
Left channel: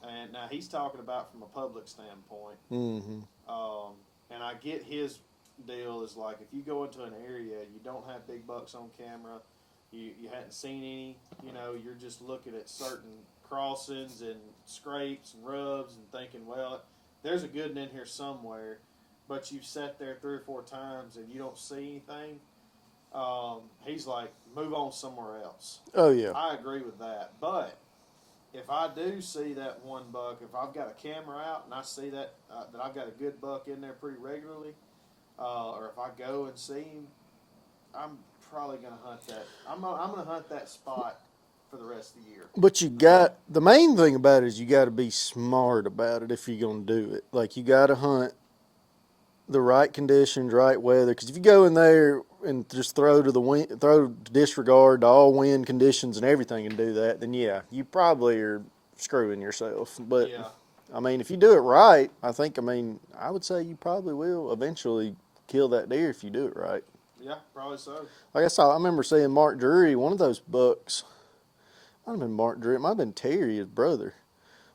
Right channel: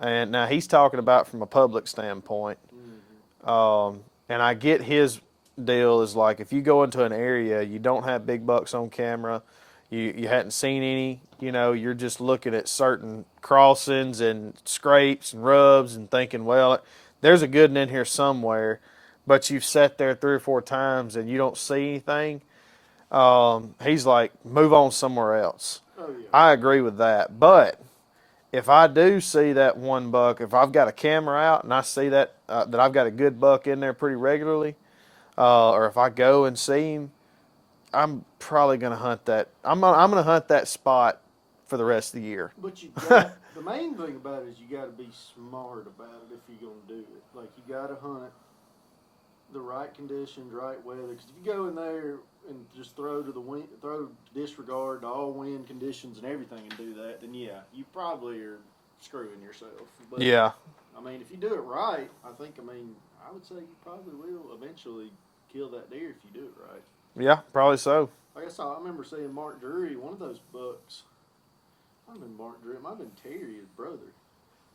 And now he's talking about from a public standpoint. And I get his deal is like if you go into an area, you don't have big bucks on camera, you hadn't seen any, you're just looking at certain crossings and scrapes and rubs and thinking, well, there's a good one in here somewhere, but you've sat there 3 or 4 times and you don't see anything. He's like, move on somewhere else. Oh yeah. I agree with that, but if I do see that one buck, if I've got a camera out and I see that I've got a good buck in there pretty regularly, or if I go and see him, I'm probably going to hunt that. I'm going to hunt that spot for the rest of the year. But you got the main thing about it is you got to be smart about it if you're going to do it. Like you got to hunt the right conditions, right weather. Because if you go in there and just throw disregard to all wind conditions and everything and do that, then yeah, you probably are screwing yourself. But Yeah. I mean, if you do it right, I would say you probably will eventually kill that deer if you do it right. Yeah, probably so. Like I remember seeing Mark Drury, one of those bucks. Might have been Mark Drury. It might have been Terry, his brother.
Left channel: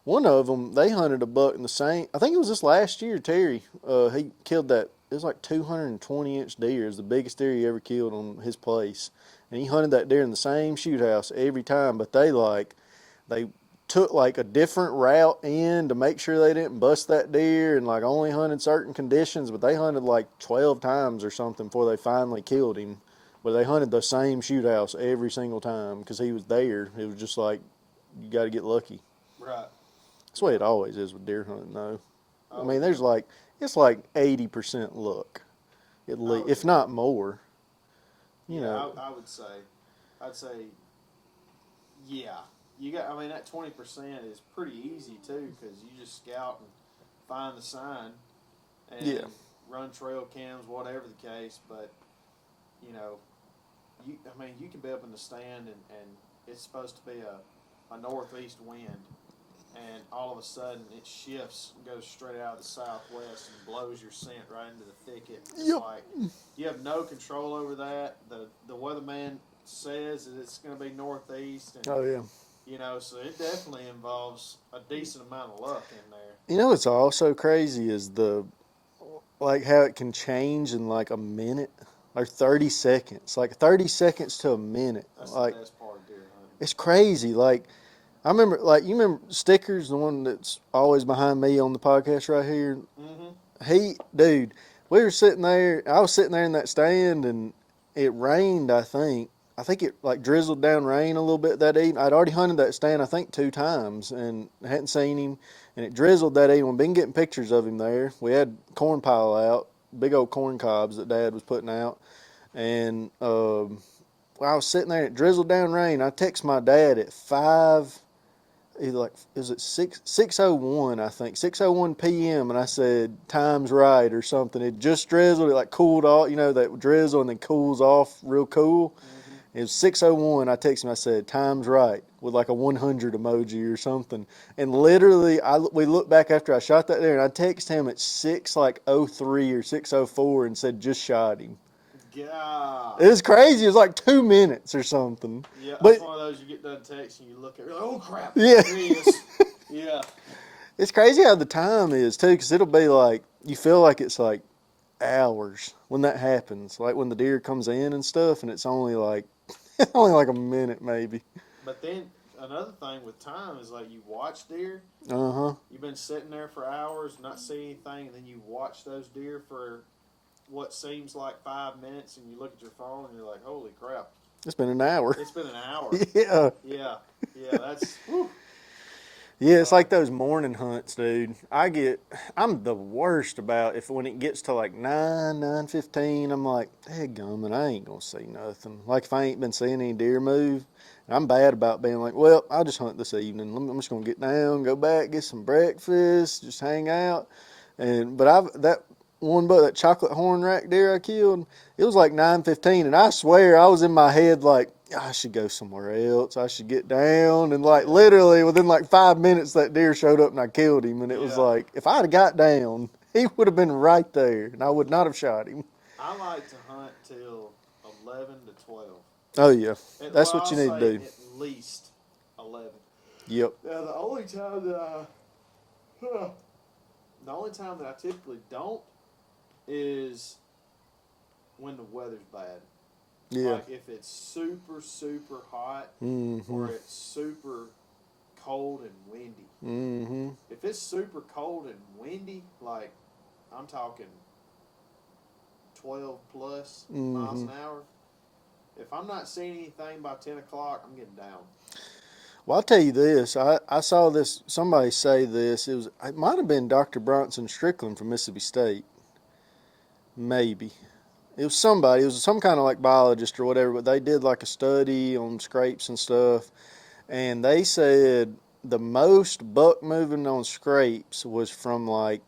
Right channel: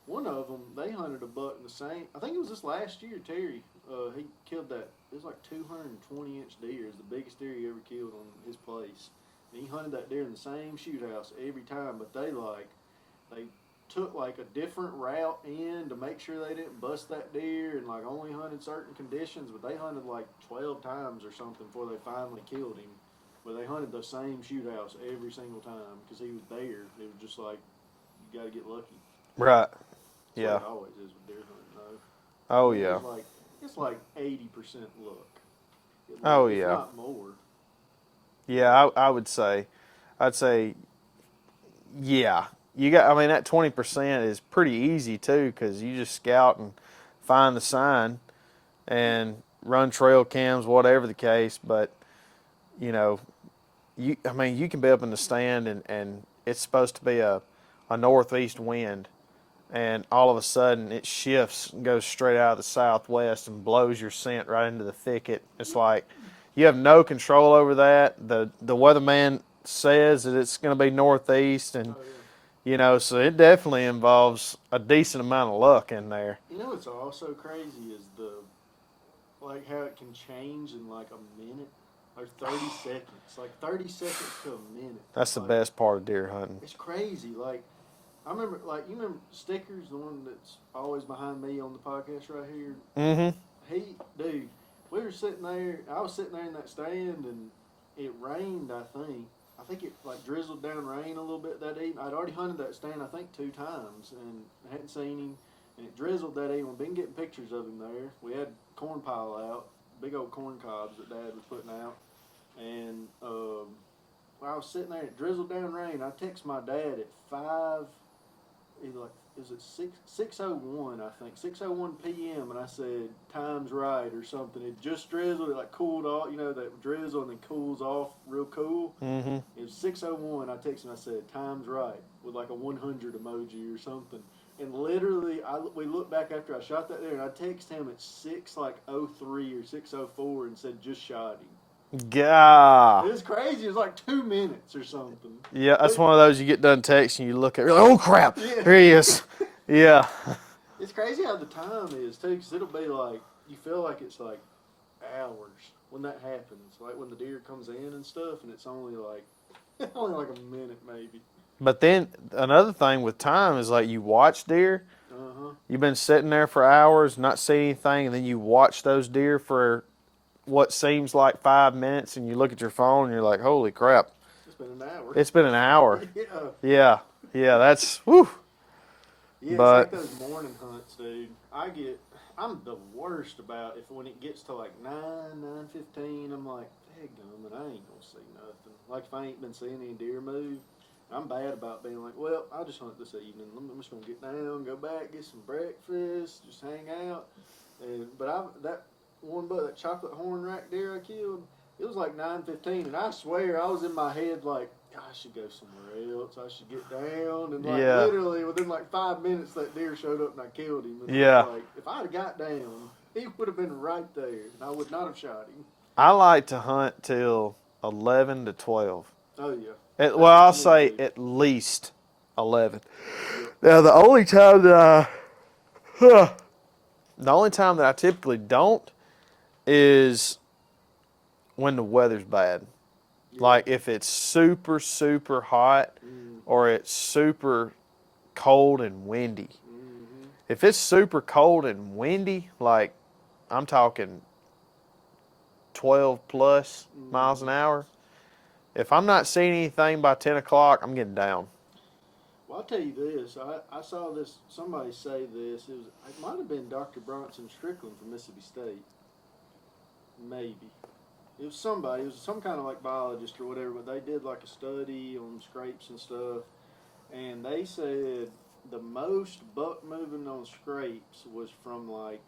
One of them, they hunted a buck in the same. I think it was this last year. Terry, he killed that. It was like 220-inch deer. It was the biggest deer he ever killed on his place, and he hunted that deer in the same shoot house every time. But they took like a different route in to make sure they didn't bust that deer, and like only hunted certain conditions. But they hunted like 12 times or something before they finally killed him. But they hunted the same shoot house every single time because he was there. It was just like you got to get lucky. Right. That's the way it always is with deer hunting, though. Oh, yeah. There's it's like 80% luck, if not more. Yeah, I would say, yeah. That 20% is pretty easy too, because you just scout and find the sign, and run trail cams, whatever the case. But you can be up in the stand and it's supposed to be a northeast wind, and all of a sudden it shifts and goes straight out of the southwest and blows your scent right into the thicket. It's like you have no control over that. The weatherman says that it's going to be northeast, and so it definitely involves a decent amount of luck in there. What's also crazy is how it can change in like a minute or 30 seconds, like 30 seconds to a minute. That's the best part of deer hunting. It's crazy. Like I remember, you remember Stickers, the one that's always behind me on the podcast right here? Mm-hmm. We were sitting there. I was sitting there in that stand, and it rained, I think. I think it like drizzled down rain a little bit that evening. I'd already hunted that stand, I think, 2 times and hadn't seen him. And it drizzled that evening. We've been getting pictures of him there. We had corn pile out, big old corn cobs that Dad was putting out. And I was sitting there, and it drizzled down rain. I text my dad at 6:01, I think, 6:01 p.m. and I said, time's right or something. It just drizzled. It like cooled off, that drizzle and then cools off real cool. Mm-hmm. It was 6:01. I texted him. I said, time's right, with like a 100 emoji or something. And literally, we looked back after I shot that there, and I texted him at 6:03 or 6:04 and said, just shot him. God. It was crazy. It was like 2 minutes or something. Yeah, that's one of those you get done texting, you look at it, you're like, oh crap, yeah. There he is. Yeah. It's crazy how the time is too, because it'll be like, you feel like it's like hours when that happens. Like when the deer comes in and stuff, and it's only like a minute maybe. But then another thing with time is like you watch deer. You've been sitting there for hours, not seeing anything, and then you watch those deer for what seems like 5 minutes, and you look at your phone and you're like, holy crap. It's been an hour. It's been an hour. Yeah. Yeah, that's, whew. Yeah, it's like those morning hunts, dude. I'm the worst about when it gets to like 9:15, I'm like, dadgummit, I ain't gonna see nothing. Like if I ain't been seeing any deer move, I'm bad about being like, well, I'll just hunt this evening. I'm just gonna get down, go back, get some breakfast, just hang out. That one buck, that chocolate horn rack deer I killed, it was like 9:15, and I swear I was in my head like, I should go somewhere else. I should get down. And literally within like 5 minutes, that deer showed up and I killed him. And it was like, if I'd have got down, he would have been right there, and I would not have shot him. I like to hunt till 11 to 12. Oh yeah. I'll say at least 11. Yep. Now the only time that I typically don't is when the weather's bad. Yeah. Like if it's super, super hot or it's super cold and windy. Mm-hmm. If it's super cold and windy, like I'm talking 12 plus miles an hour, if I'm not seeing anything by 10 o'clock, I'm getting down. Well, I'll tell you this. I saw this, somebody say this. It might have been Dr. Bronson Strickland from Mississippi State. Maybe. It was somebody. It was some kind of like biologist or whatever, but they did like a study on scrapes and stuff. And they said the most buck moving on scrapes was from like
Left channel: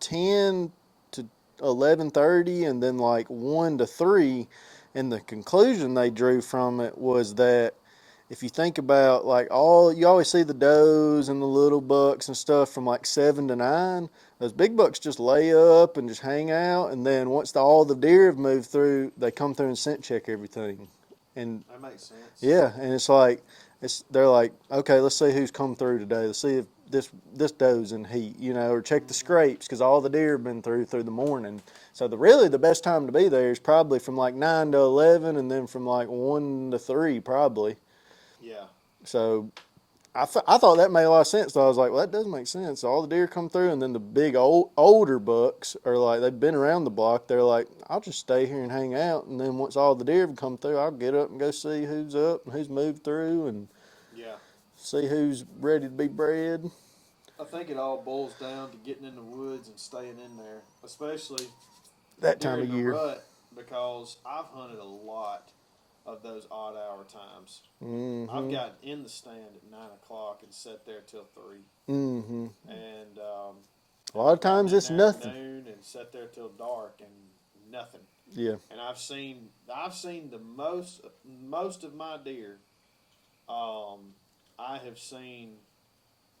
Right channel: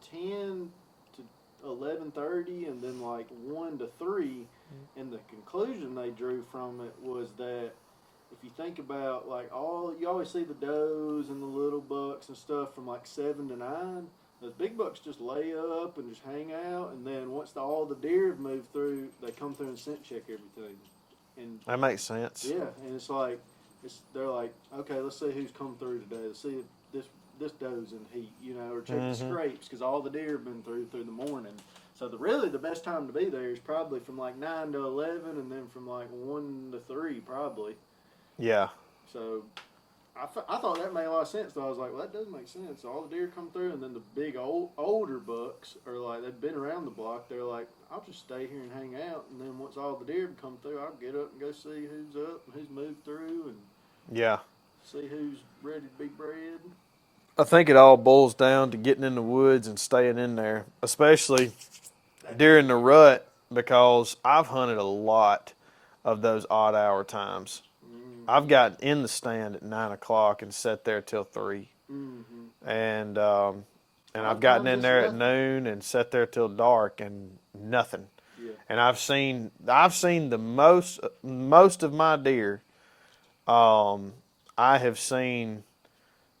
10 to 11:30 and then like 1 to 3. And the conclusion they drew from it was that if you think about like you always see the does and the little bucks and stuff from like 7 to 9. Those big bucks just lay up and just hang out, and then once all the deer have moved through, they come through and scent check everything. And That makes sense. yeah, and it's like they're like, okay, let's see who's come through today. Let's see if this doe's in heat, or check the scrapes because all the deer have been through the morning. So really the best time to be there is probably from like 9 to 11, and then from like 1 to 3 probably. Yeah. So I thought that made a lot of sense. So I was like, well, that does make sense. All the deer come through, and then the big older bucks are like, they've been around the block. They're like, I'll just stay here and hang out. And then once all the deer have come through, I'll get up and go see who's up and who's moved through and Yeah. see who's ready to be bred. I think it all boils down to getting in the woods and staying in there, especially That during time the of year. rut, because I've hunted a lot of those odd hour times. Mm-hmm. I've got in the stand at 9 o'clock and sat there till 3. Mm-hmm. And lot I've of gotten times in it's there at nothing. noon and sat there till dark and nothing. Yeah. And I've seen the most of my deer. I have seen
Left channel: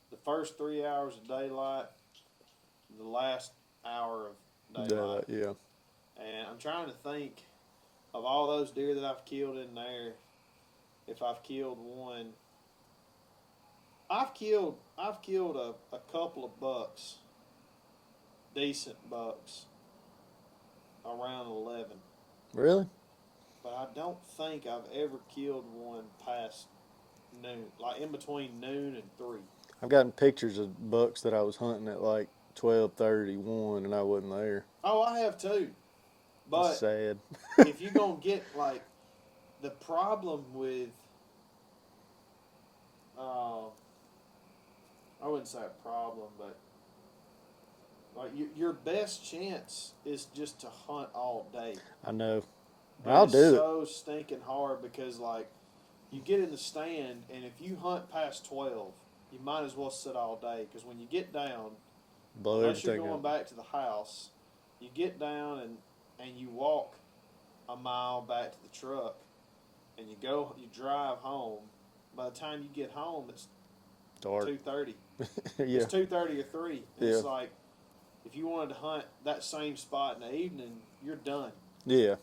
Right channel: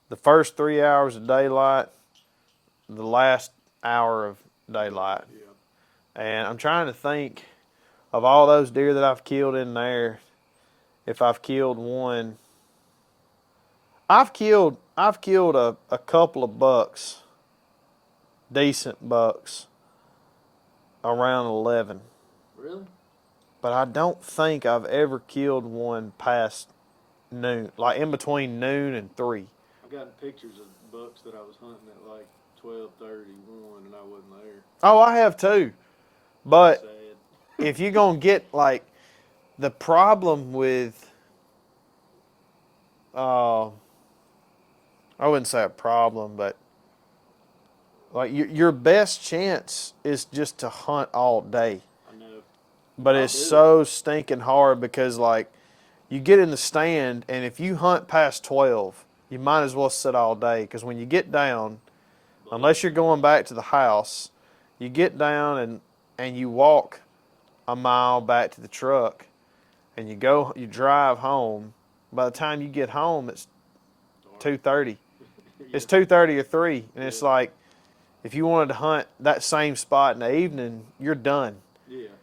the first 3 hours of daylight, the last hour of daylight. Yeah. And I'm trying to think of all those deer that I've killed in there. If I've killed one, I've killed a couple of bucks, decent bucks, around 11. Really? But I don't think I've ever killed one past noon, like in between noon and 3. I've gotten pictures of bucks that I was hunting at like 12:31 and I wasn't there. Oh, I have too. But Sad. if you're going to get like the problem with, I wouldn't say a problem, but like your best chance is just to hunt all day. I know. But I'll it's do it. so stinking hard because like you get in the stand and if you hunt past 12, you might as well sit all day because when you get down, unless you're going back to the house, you get down and you walk a mile back to the truck and you drive home. By the time you get home, it's Dark. 2:30. Yeah. It's 2:30 or 3, and it's Yeah. like if you wanted to hunt that same spot in the evening, you're done. Yeah.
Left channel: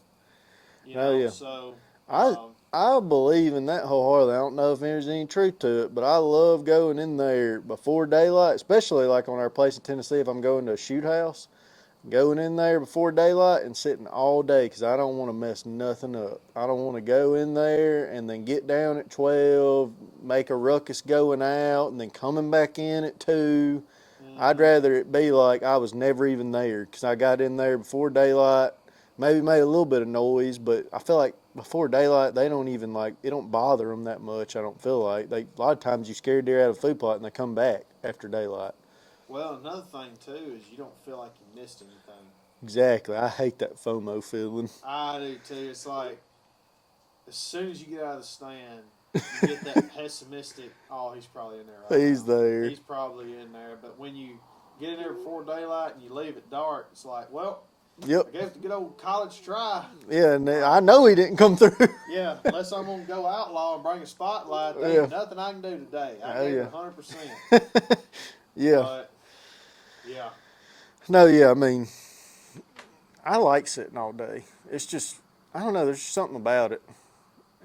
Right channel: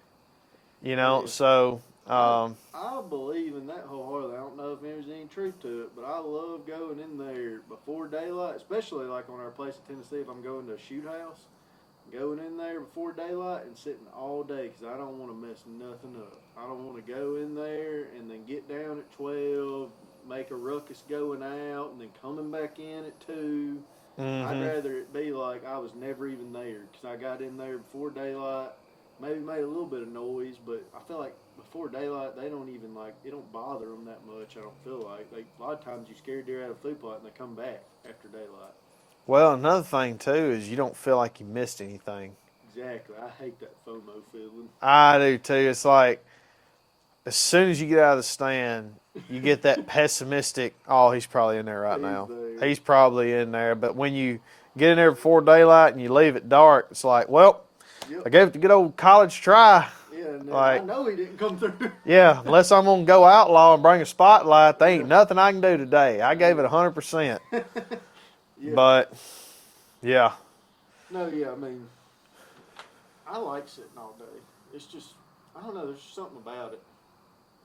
You know, yeah. so I believe in that wholeheartedly. I don't know if there's any truth to it, but I love going in there before daylight, especially like on our place in Tennessee. If I'm going to a shoot house, going in there before daylight and sitting all day because I don't want to mess nothing up. I don't want to go in there and then get down at 12, make a ruckus going out, and then coming back in at 2. I'd rather it be like I was never even there because I got in there before daylight, maybe made a little bit of noise, but I feel like before daylight they don't even like it don't bother them that much. I don't feel like a lot of times you scare deer out of a food plot and they come back after daylight. well, another thing too is you don't feel like you missed anything. Exactly. I hate that FOMO feeling. I do too. It's like as soon as you get out of the stand, you get that pessimistic. Oh, he's probably in there right now. He's there. He's probably in there. But when you get in there before daylight and you leave it dark, it's like, well, Yep. I gave it a good old college try. Yeah, and Right. I know he didn't come through. Yeah, unless I'm gonna go outlaw and bring a spotlight, there ain't Yeah. nothing I can do today. I gave it Yeah. 100%. Yeah. But yeah, No, yeah, I mean, I like sitting all day. It's just, I don't know, there's just something about it.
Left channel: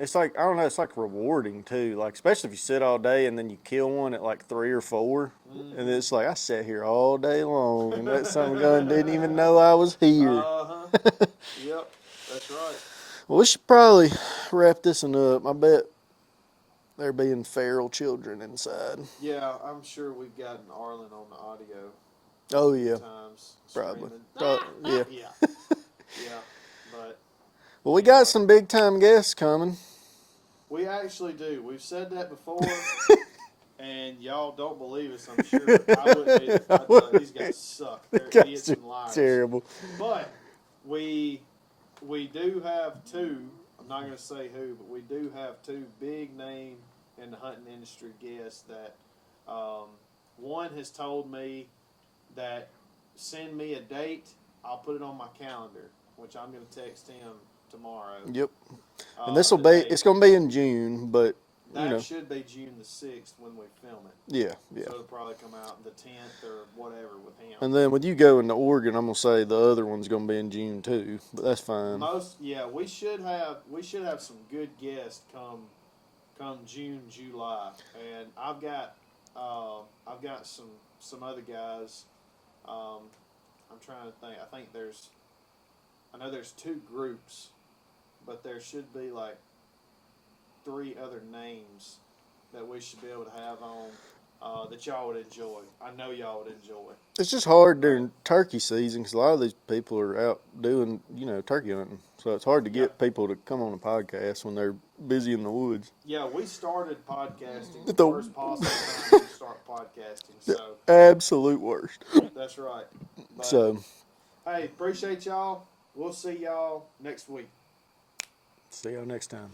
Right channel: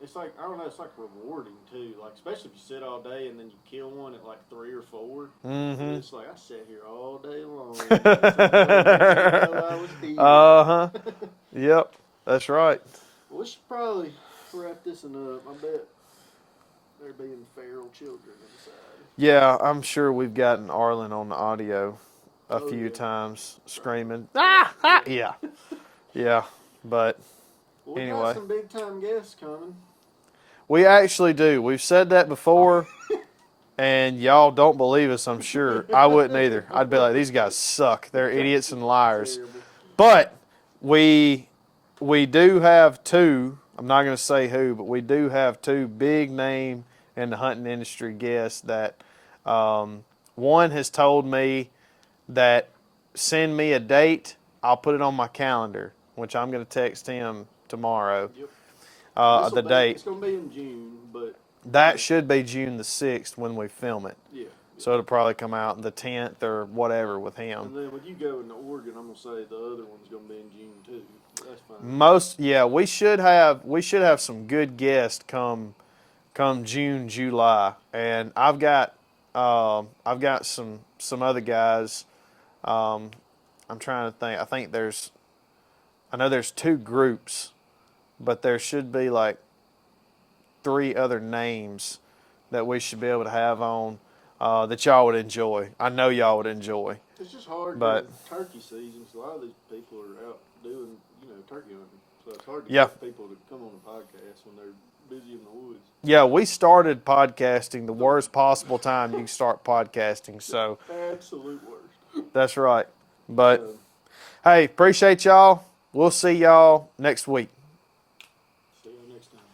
It's like, I don't know, it's like rewarding too. Like, especially if you sit all day and then you kill one at like 3 or 4. And it's like, I sat here all day long. And that son of a gun didn't even know I was here. Uh-huh. Yep. That's right. Well, we should probably wrap this one up. I bet there being feral children inside. Yeah, I'm sure we've gotten Arlen on the audio a few times screaming. Yeah. Yeah. Yeah. But Well, we anyway. got some big time guests coming. We actually do. We've said that before, and y'all don't believe us, I'm sure. I wouldn't either. I'd be like, these guys suck. They're idiots and liars. Terrible. But we do have two, I'm not going to say who, but we do have two big name in the hunting industry guests that one has told me that send me a date, I'll put it on my calendar, which I'm going to text him tomorrow. Yep. This will be. date. It's going to be in June, but That should be June the 6th when we film it. yeah. So it'll probably come out the 10th or whatever with him. And then with you going to Oregon, I'm gonna say the other one's gonna be in June too. But that's fine. We should have some good guests come June, July, and I've got some other guys. I'm trying to think. I know there's 2 groups, but there should be like 3 other names that we should be able to have on that y'all would enjoy. I know y'all would enjoy. It's just hard during turkey season because a lot of these people are out doing turkey hunting, so it's hard to get people to come on a podcast when they're busy in the woods. Yeah, we started podcasting the worst possible time you can start podcasting. So absolute worst. That's right. But hey, appreciate y'all. We'll see y'all next week. See y'all next time.